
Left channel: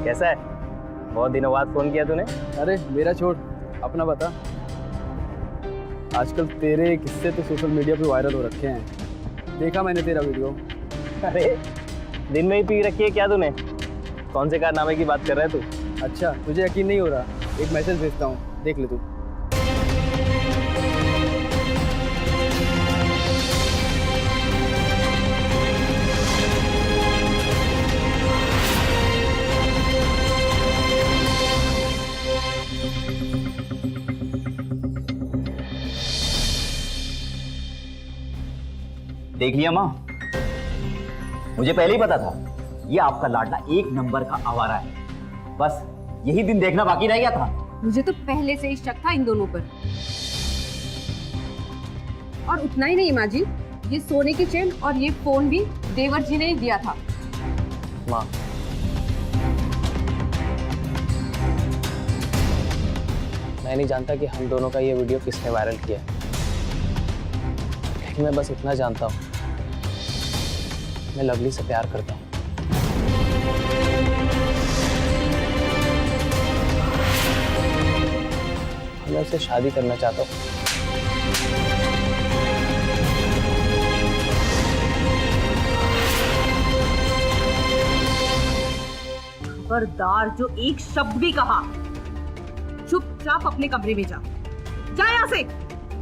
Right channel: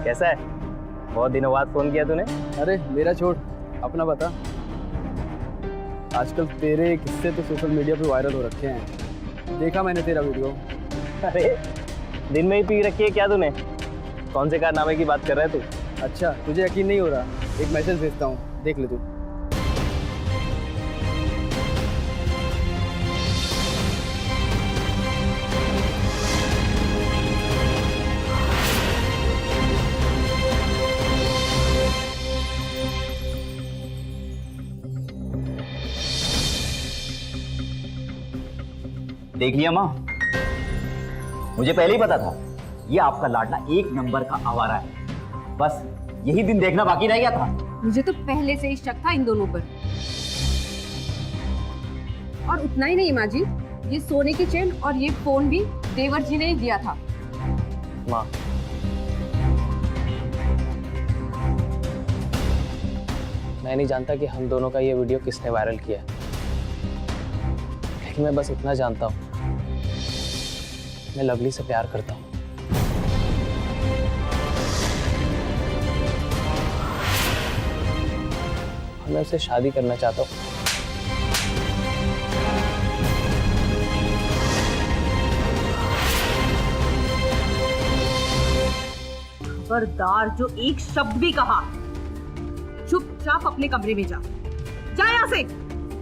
कैसा है? बहुत दिनों बाद फोन किया तूने। अरे मेरा छोड़, अपना बता। आजकल तेरे किस्से तो सोशल मीडिया पे वायरल हो रखे हैं, देखा मैंने तेरा वीडियो। अरे दिन में ही पी रखी है क्या तूने? कौन से कारनामे की बात कर रहा है तू? अच्छा, तुझे यकीन नहीं हो रहा? एक मैसेज भेजता हूँ, देख ले तू। देख लिया माँ, मुझे पहले ही पता था ये आपका लाडला एक नंबर का आवारा है। बस यही दिन देखना बाकी रह गया था। मुझे तो पहले से ही शक था इन दोनों पर। और उतना ही नहीं माँ जी, ये सोने की चेन और ये फोन भी देवर जी ने ही दिया था। माँ, मैं नहीं जानता कि हम दोनों का ये वीडियो किसने वायरल किया है, लेकिन मैं बस इतना जानता हूँ, मैं लवली से प्यार करता हूँ। मैं उससे शादी करना चाहता हूँ। खबरदार, जो एक शब्द भी कहा, चुपचाप अपने कमरे में जा। जा यहाँ से।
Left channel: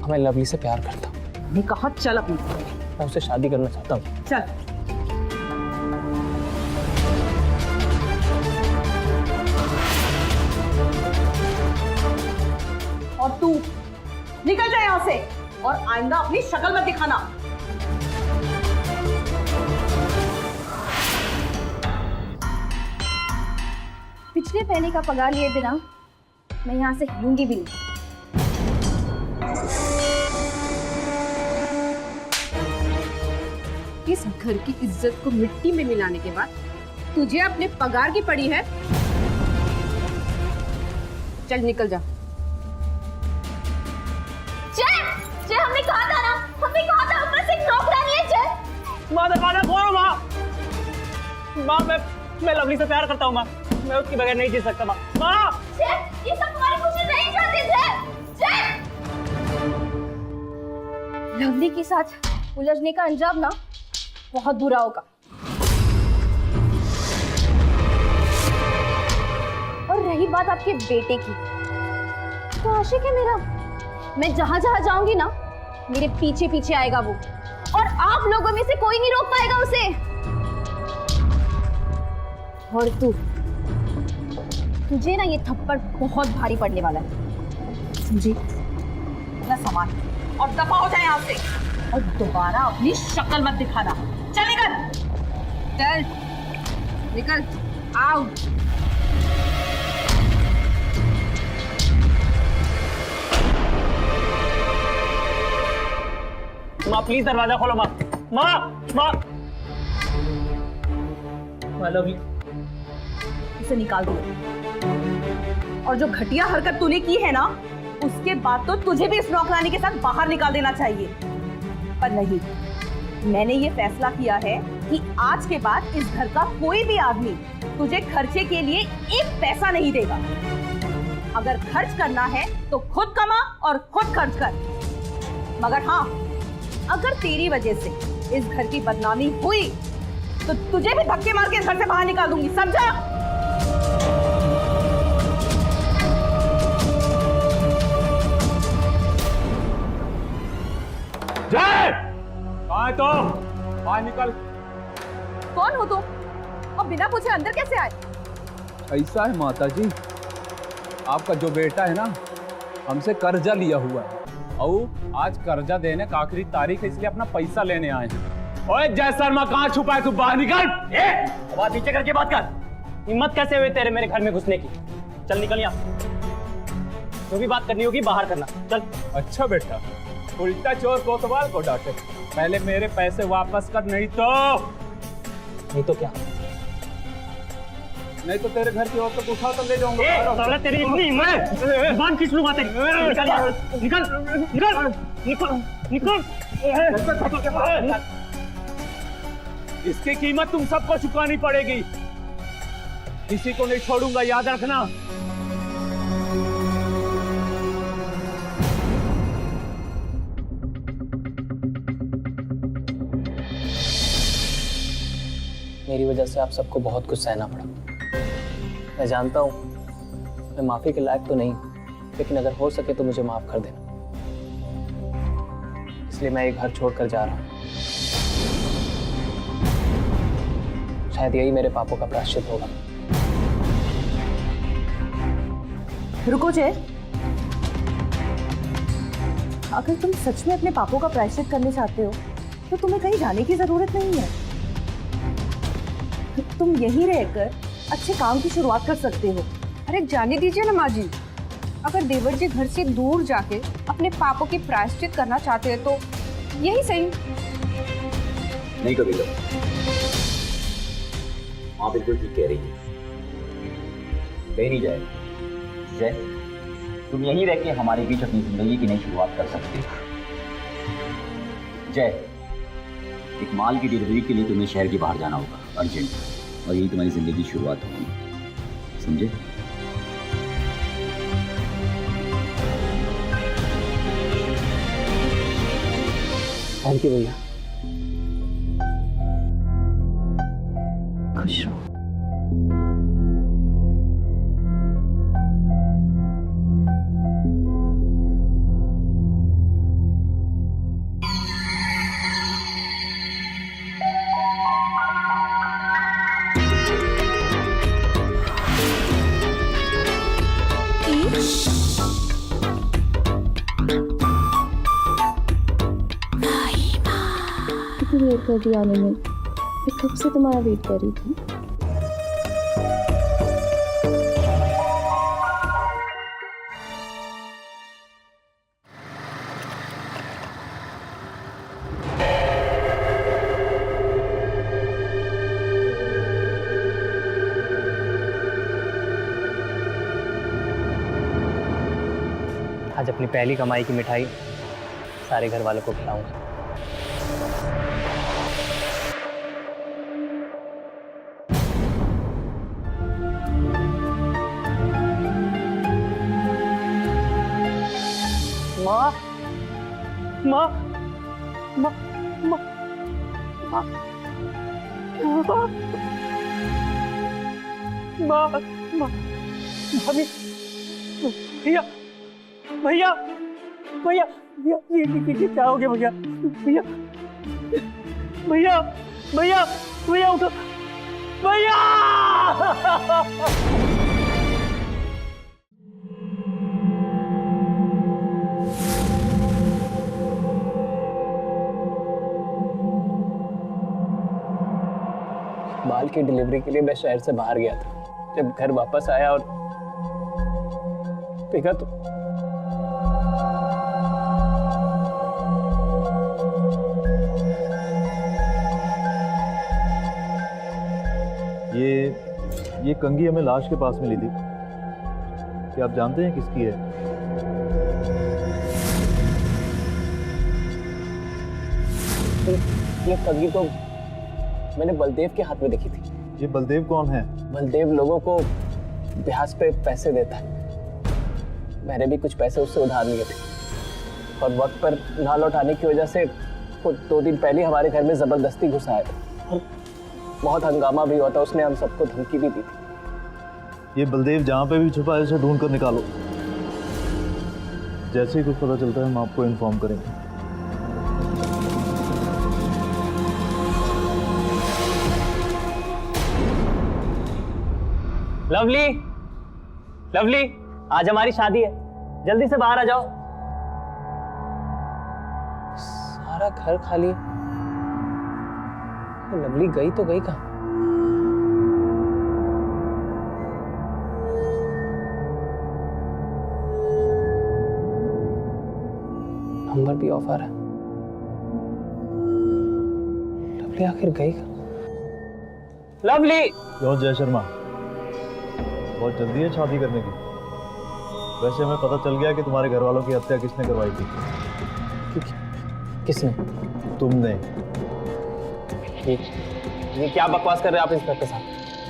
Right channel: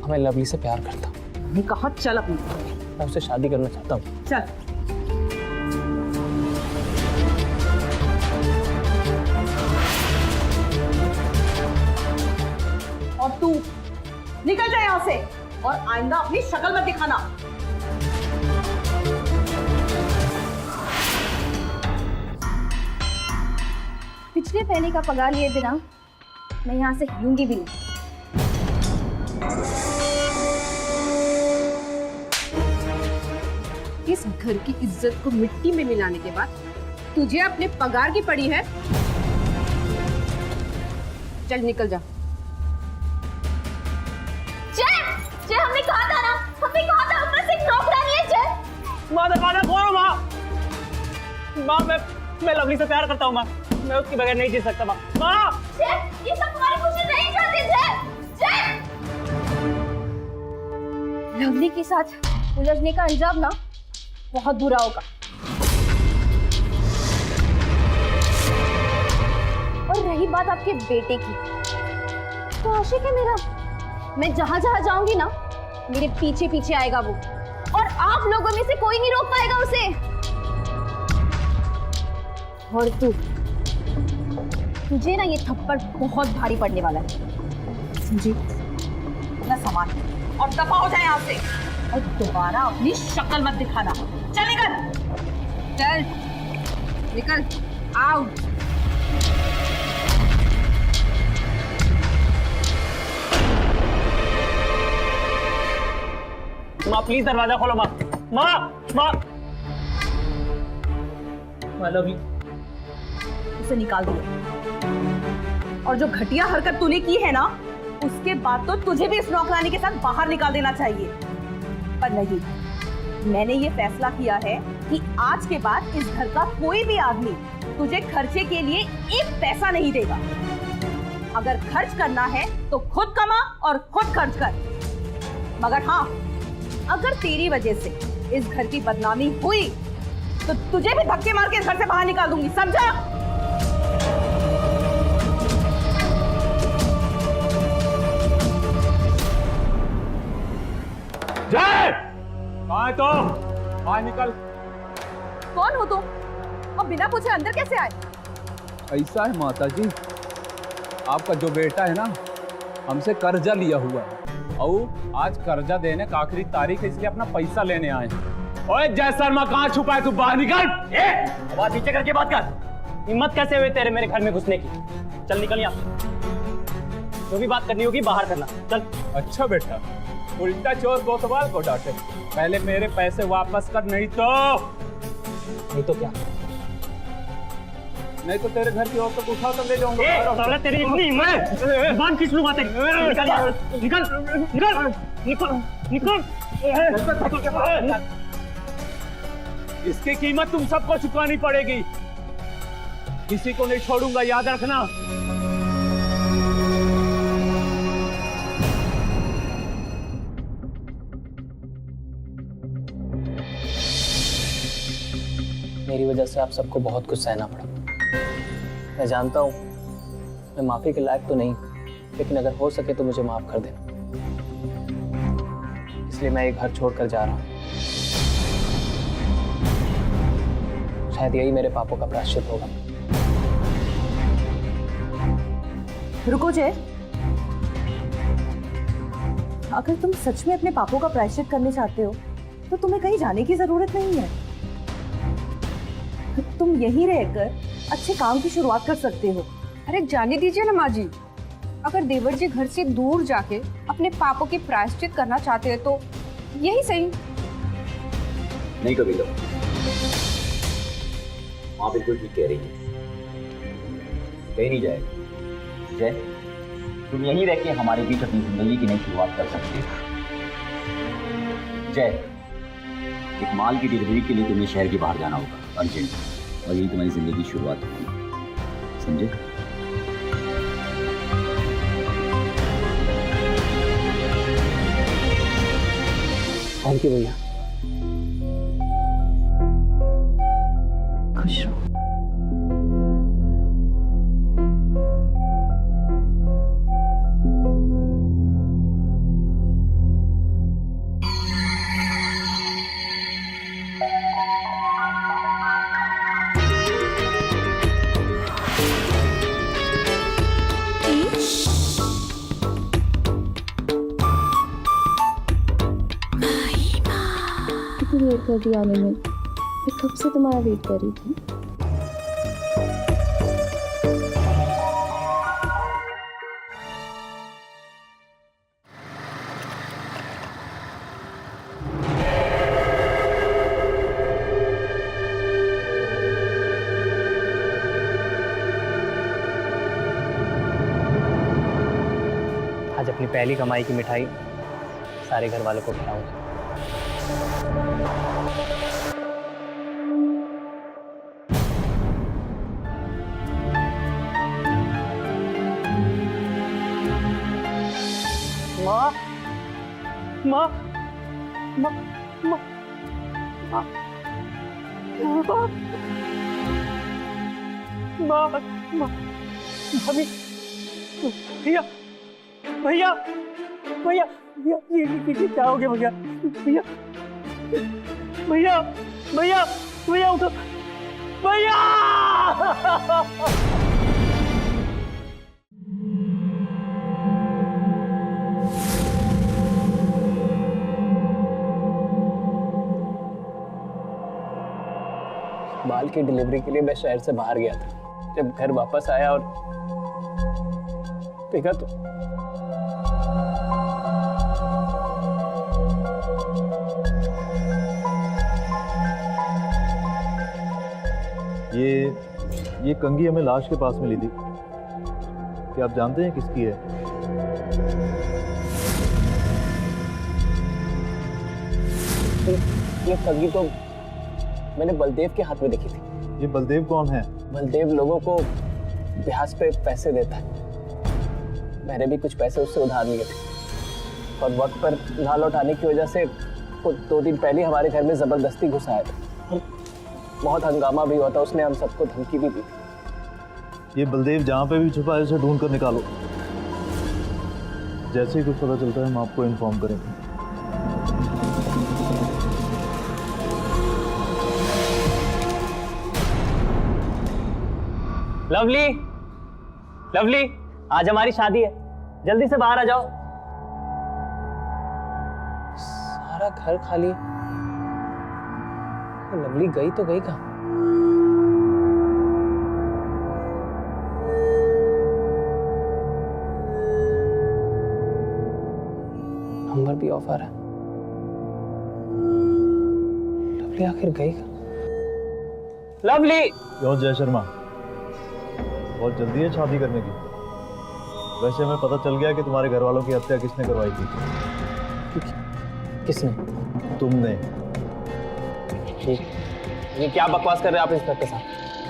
मैं लवली से प्यार करता हूँ। मैंने कहा चल अपनी। मैं उससे शादी करना चाहता हूँ। चल। और तू निकल जा यहाँ से, और आइंदा अपनी शक्ल मत दिखाना। पिछले महीने का पगार लिए बिना मैं यहाँ से हिलूंगी भी नहीं। इस घर की इज्जत को मिट्टी में मिलाने के बाद तुझे अपने पगार की पड़ी है। चल निकल जा। जय, हमने कहा था ना, हमने कहा था ऊपर से एक नौकरानी है। जय, माँ दरवाजा खोलो। माँ, मैं लवली से प्यार करता हूँ। माँ, मैं उसके बगैर नहीं जी सकता। माँ, ये सब तुम्हारी खुशी नहीं चाहते। जय, लवली के साथ उलझने का अंजाम ना बहुत बुरा होगा। और रही बात आपके बेटे की, तो आशिक है मेरा, मैं जहां जहां जाऊंगी ना मेरे पीछे पीछे आएगा वो, और आप लोगों में से कोई नहीं रोक पाएगा उसे। और तुझे ना ये थप्पड़ बहुत भारी पड़ने वाला है, समझी? अपना सामान और दफा हो जाए यहाँ से, और दोबारा अपनी शक्ल मत दिखाना। चल निकल, चल निकल, आउट। माँ प्लीज दरवाजा खोलो। माँ माँ माँ माँ लव यू। उसे निकाल दिया, और जो घटिया हरकत तूने की है ना, उसके बाद तो तुझे भी इस नौकरानी के साथ बाहर निकाल देना चाहिए। पर नहीं, मैंने ये फैसला किया है कि आज के बाद इस घर का कोई भी आदमी तुझे खर्चे के लिए एक पैसा नहीं देगा। अगर खर्च करना है तो खुद कमा और खुद खर्च कर। मगर हाँ, अगर तेरी वजह से इस घर की बदनामी हुई तो तुझे भी धक्के मार के इस घर से बाहर निकाल दूंगी, समझा? जय, कहाँ है तुम? बाहर निकल। कौन हो तुम और बिना पूछे अंदर कैसे आए? ऐसा है माता जी, आपका जो बेटा है ना, हमसे कर्जा लिया हुआ है, और आज कर्जा देने का आखिरी तारीख है, इसलिए अपना पैसा लेने आए हैं। ओए जय शर्मा, कहाँ छुपा है तू? बाहर निकल। आवाज नीचे करके बात कर। हिम्मत कैसे हुई तेरे मेरे घर में घुसने की? चल निकल यहाँ, जो भी बात करनी होगी बाहर करना, चल। अच्छा बेटा, उल्टा चोर कोतवाल को डांटे। पहले मेरे पैसे वापस कर, नहीं तो क्या? नहीं तो तेरे घर की औरतों को उठा कर ले जाऊंगा। तेरी इतनी हिम्मत, जुबान खींच लूंगा तेरी। निकल निकल निकल निकल निकल। इसकी कीमत तुम सबको चुकानी पड़ेगी, किसी को नहीं छोड़ूंगा, याद रखना। मेरी वजह से आप सबको बहुत कुछ सहना पड़ा। मैं जानता हूँ मैं माफी के लायक तो नहीं, लेकिन अगर हो सके तो मुझे माफ कर देना। इसलिए मैं एक घर छोड़कर जा रहा हूँ। शायद यही मेरे पापों का प्रायश्चित होगा। रुको जय, अगर तुम सच में अपने पापों का प्रायश्चित करने चाहते हो तो तुम्हें कहीं जाने की जरूरत नहीं है। तुम यहीं रहकर अच्छे काम की शुरुआत कर सकते हो। अरे जाने दीजिए ना माँ जी, अगर देवर जी घर से दूर जाके अपने पापों की प्रायश्चित करना चाहते हैं तो यही सही। नहीं कभी माँ बिल्कुल ठीक कह रही है, कहीं नहीं जाएगा। जय, तुम यहीं रह के हमारे बीच अपनी जिंदगी की नई शुरुआत कर सकते हो। जय, एक माल की डिलीवरी के लिए तुम्हें शहर के बाहर जाना होगा अर्जेंट, और यही तुम्हारी जिंदगी की शुरुआत होगी, समझे? थैंक यू भैया। खुश रहो। कितनी देर कर दी आने में, मैं कब से तुम्हारा वेट कर रही थी। आज अपनी पहली कमाई की मिठाई सारे घर वालों को खिलाऊंगा। माँ माँ माँ माँ माँ माँ माँ भाभी, भैया भैया भैया भैया ये क्या हो गया भैया? भैया भैया भैया भैया उठो भैया! माल की डिलीवरी के लिए मैं शहर से बाहर गया था। जब घर वापस आया और देखा तो ये कंघी हमें लाश के पास में ली थी। क्या आप जानते हैं किसकी है? ये कंघी तो मैंने बलदेव के हाथ में देखी थी। ये बलदेव कौन है? बलदेव लोगों को ब्याज पे पैसे देता है। मैंने भी कुछ पैसे उससे उधार लिए थे और वक्त पर ना लौटाने की वजह से वो 2 दिन पहले हमारे घर में जबरदस्ती घुस आया था और बहुत हंगामा भी हुआ था। उसने हम सबको धमकी भी दी थी। ये बलदेव जहाँ पे भी छुपा है उसे ढूंढ कर निकालो। जैसे ही कुछ पता चलता है हम आपको इन्फॉर्म करेंगे। लवली, लवली, आज हमारी शादी है, जल्दी से बाहर आ जाओ। सारा घर खाली है। लवली गई तो गई कहाँ? नंबर भी ऑफ आ रहा है। लवली आखिर गई कहाँ? लवली! क्यों जय शर्मा, बहुत जल्दी है शादी करने की? वैसे हमें पता चल गया कि तुम्हारे घर वालों की हत्या किसने करवाई थी। किसने? तुमने। ये क्या बकवास कर रहे हैं आप इंस्पेक्टर साहब?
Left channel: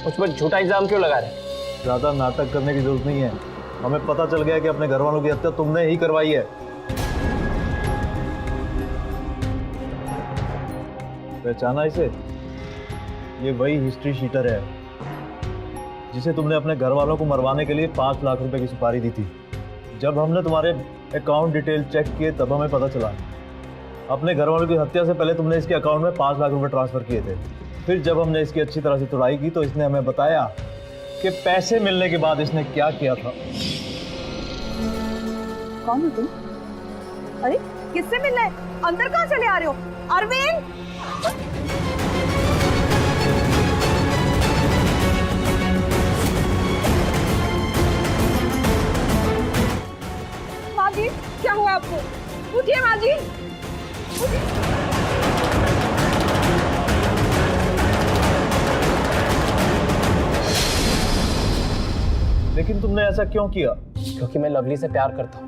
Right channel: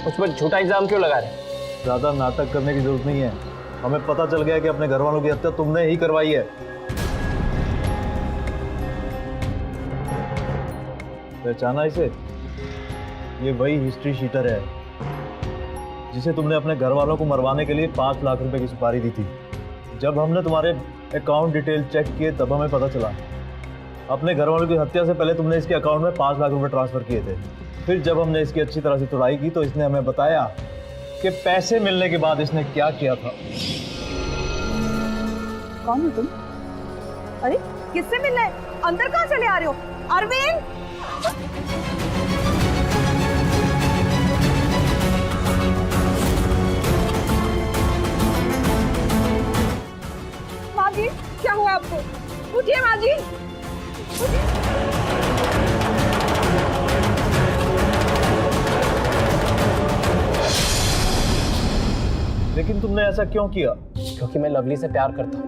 मुझ पर झूठा इल्जाम क्यों लगा रहे हैं? ज्यादा नाटक करने की जरूरत नहीं है। हमें पता चल गया कि अपने घर वालों की हत्या तुमने ही करवाई है। पहचाना इसे? ये वही हिस्ट्री शीटर है जिसे तुमने अपने घर वालों को मरवाने के लिए 5 लाख रुपए की सुपारी दी थी। जब हमने तुम्हारे अकाउंट डिटेल चेक किए तब हमें पता चला अपने घर वालों की हत्या से पहले तुमने इसके अकाउंट में 5 लाख रुपए ट्रांसफर किए थे। फिर जब हमने इसकी अच्छी तरह से तुड़ाई की तो इसने हमें बताया कि पैसे मिलने के बाद इसने क्या किया था। कौन हो तुम? अरे किससे मिलना है? अंदर कहाँ चले आ रहे हो? अरविंद! माँ जी, क्या हुआ आपको? उठिए माँ जी, उठिए। लेकिन तुमने ऐसा क्यों किया? क्योंकि मैं लवली से प्यार करता हूँ।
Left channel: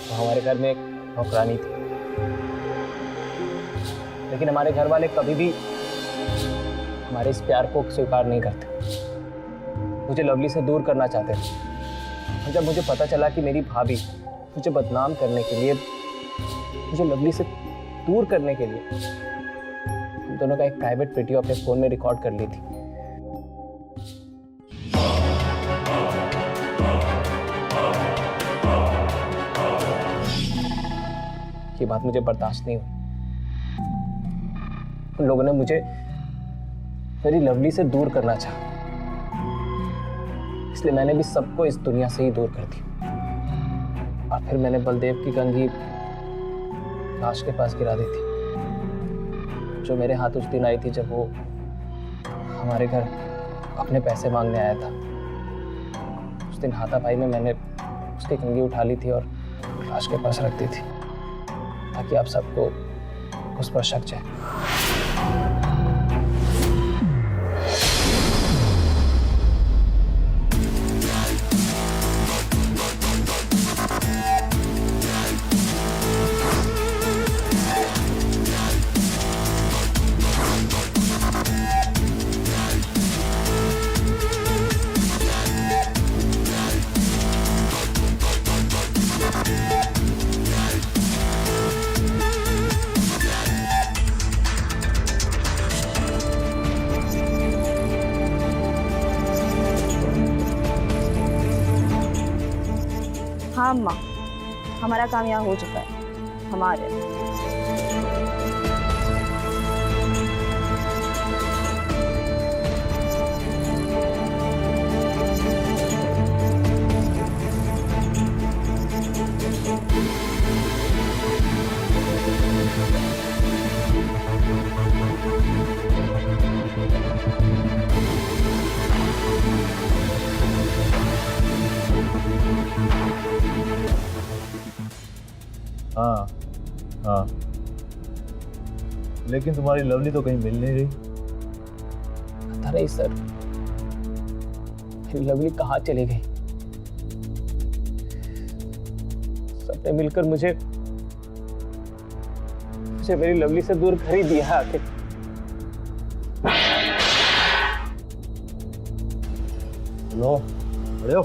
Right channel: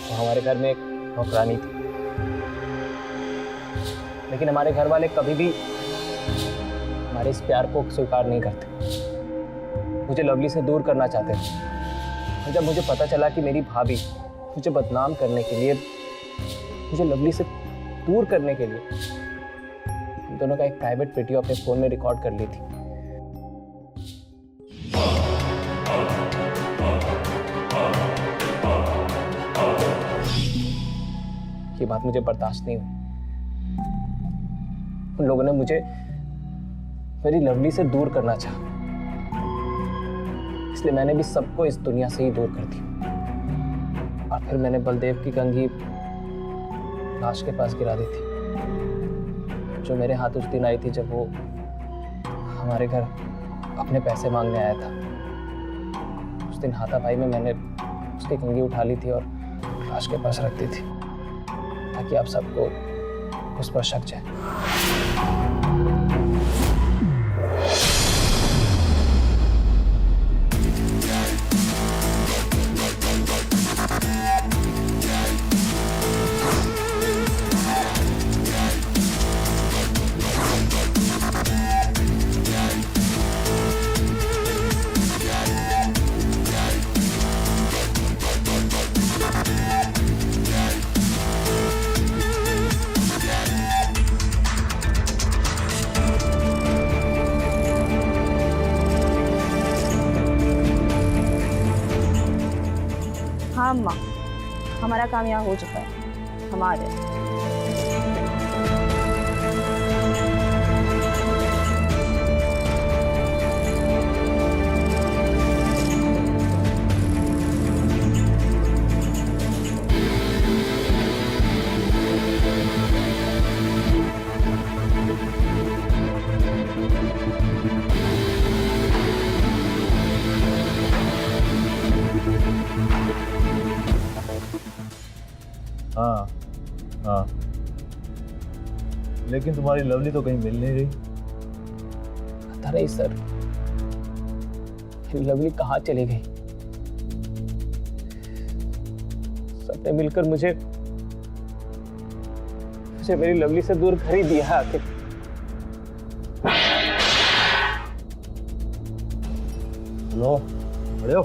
तो हमारे घर में एक नौकरानी थी, लेकिन हमारे घर वाले कभी भी हमारे इस प्यार को स्वीकार नहीं करते। मुझे लवली से दूर करना चाहते थे। और जब मुझे पता चला कि मेरी भाभी मुझे बदनाम करने के लिए, मुझे लवली से दूर करने के लिए हम दोनों का एक प्राइवेट वीडियो अपने फोन में रिकॉर्ड कर ली थी। ये बात मुझे बर्दाश्त नहीं हुई। उन लोगों ने मुझे मेरी लवली से दूर करना चाहा, इसलिए मैंने भी सबको इस दुनिया से ही दूर कर दिया। और फिर मैंने बलदेव की कंघी लाश के पास गिरा दी थी, जो मेरे हाथ उस दिन आई थी जब वो हमारे घर अपने पैसे मांगने आया था। उस दिन हाथापाई में मैंने उसकी कंघी उठा ली थी और लाश के पास रख दी थी, ताकि आप सबको उस पर शक जाए। हाँ अम्मा, हमारा काम यहाँ हो चुका है, हमारे। हाँ हाँ, लेकिन तुम्हारी लवली तो कहीं मिल नहीं रही। पता नहीं सर, लवली कहाँ चली गई। सबने मिलकर मुझे मेरी लवली से दूर कर ही दिया है आखिर। हेलो, बड़े हो?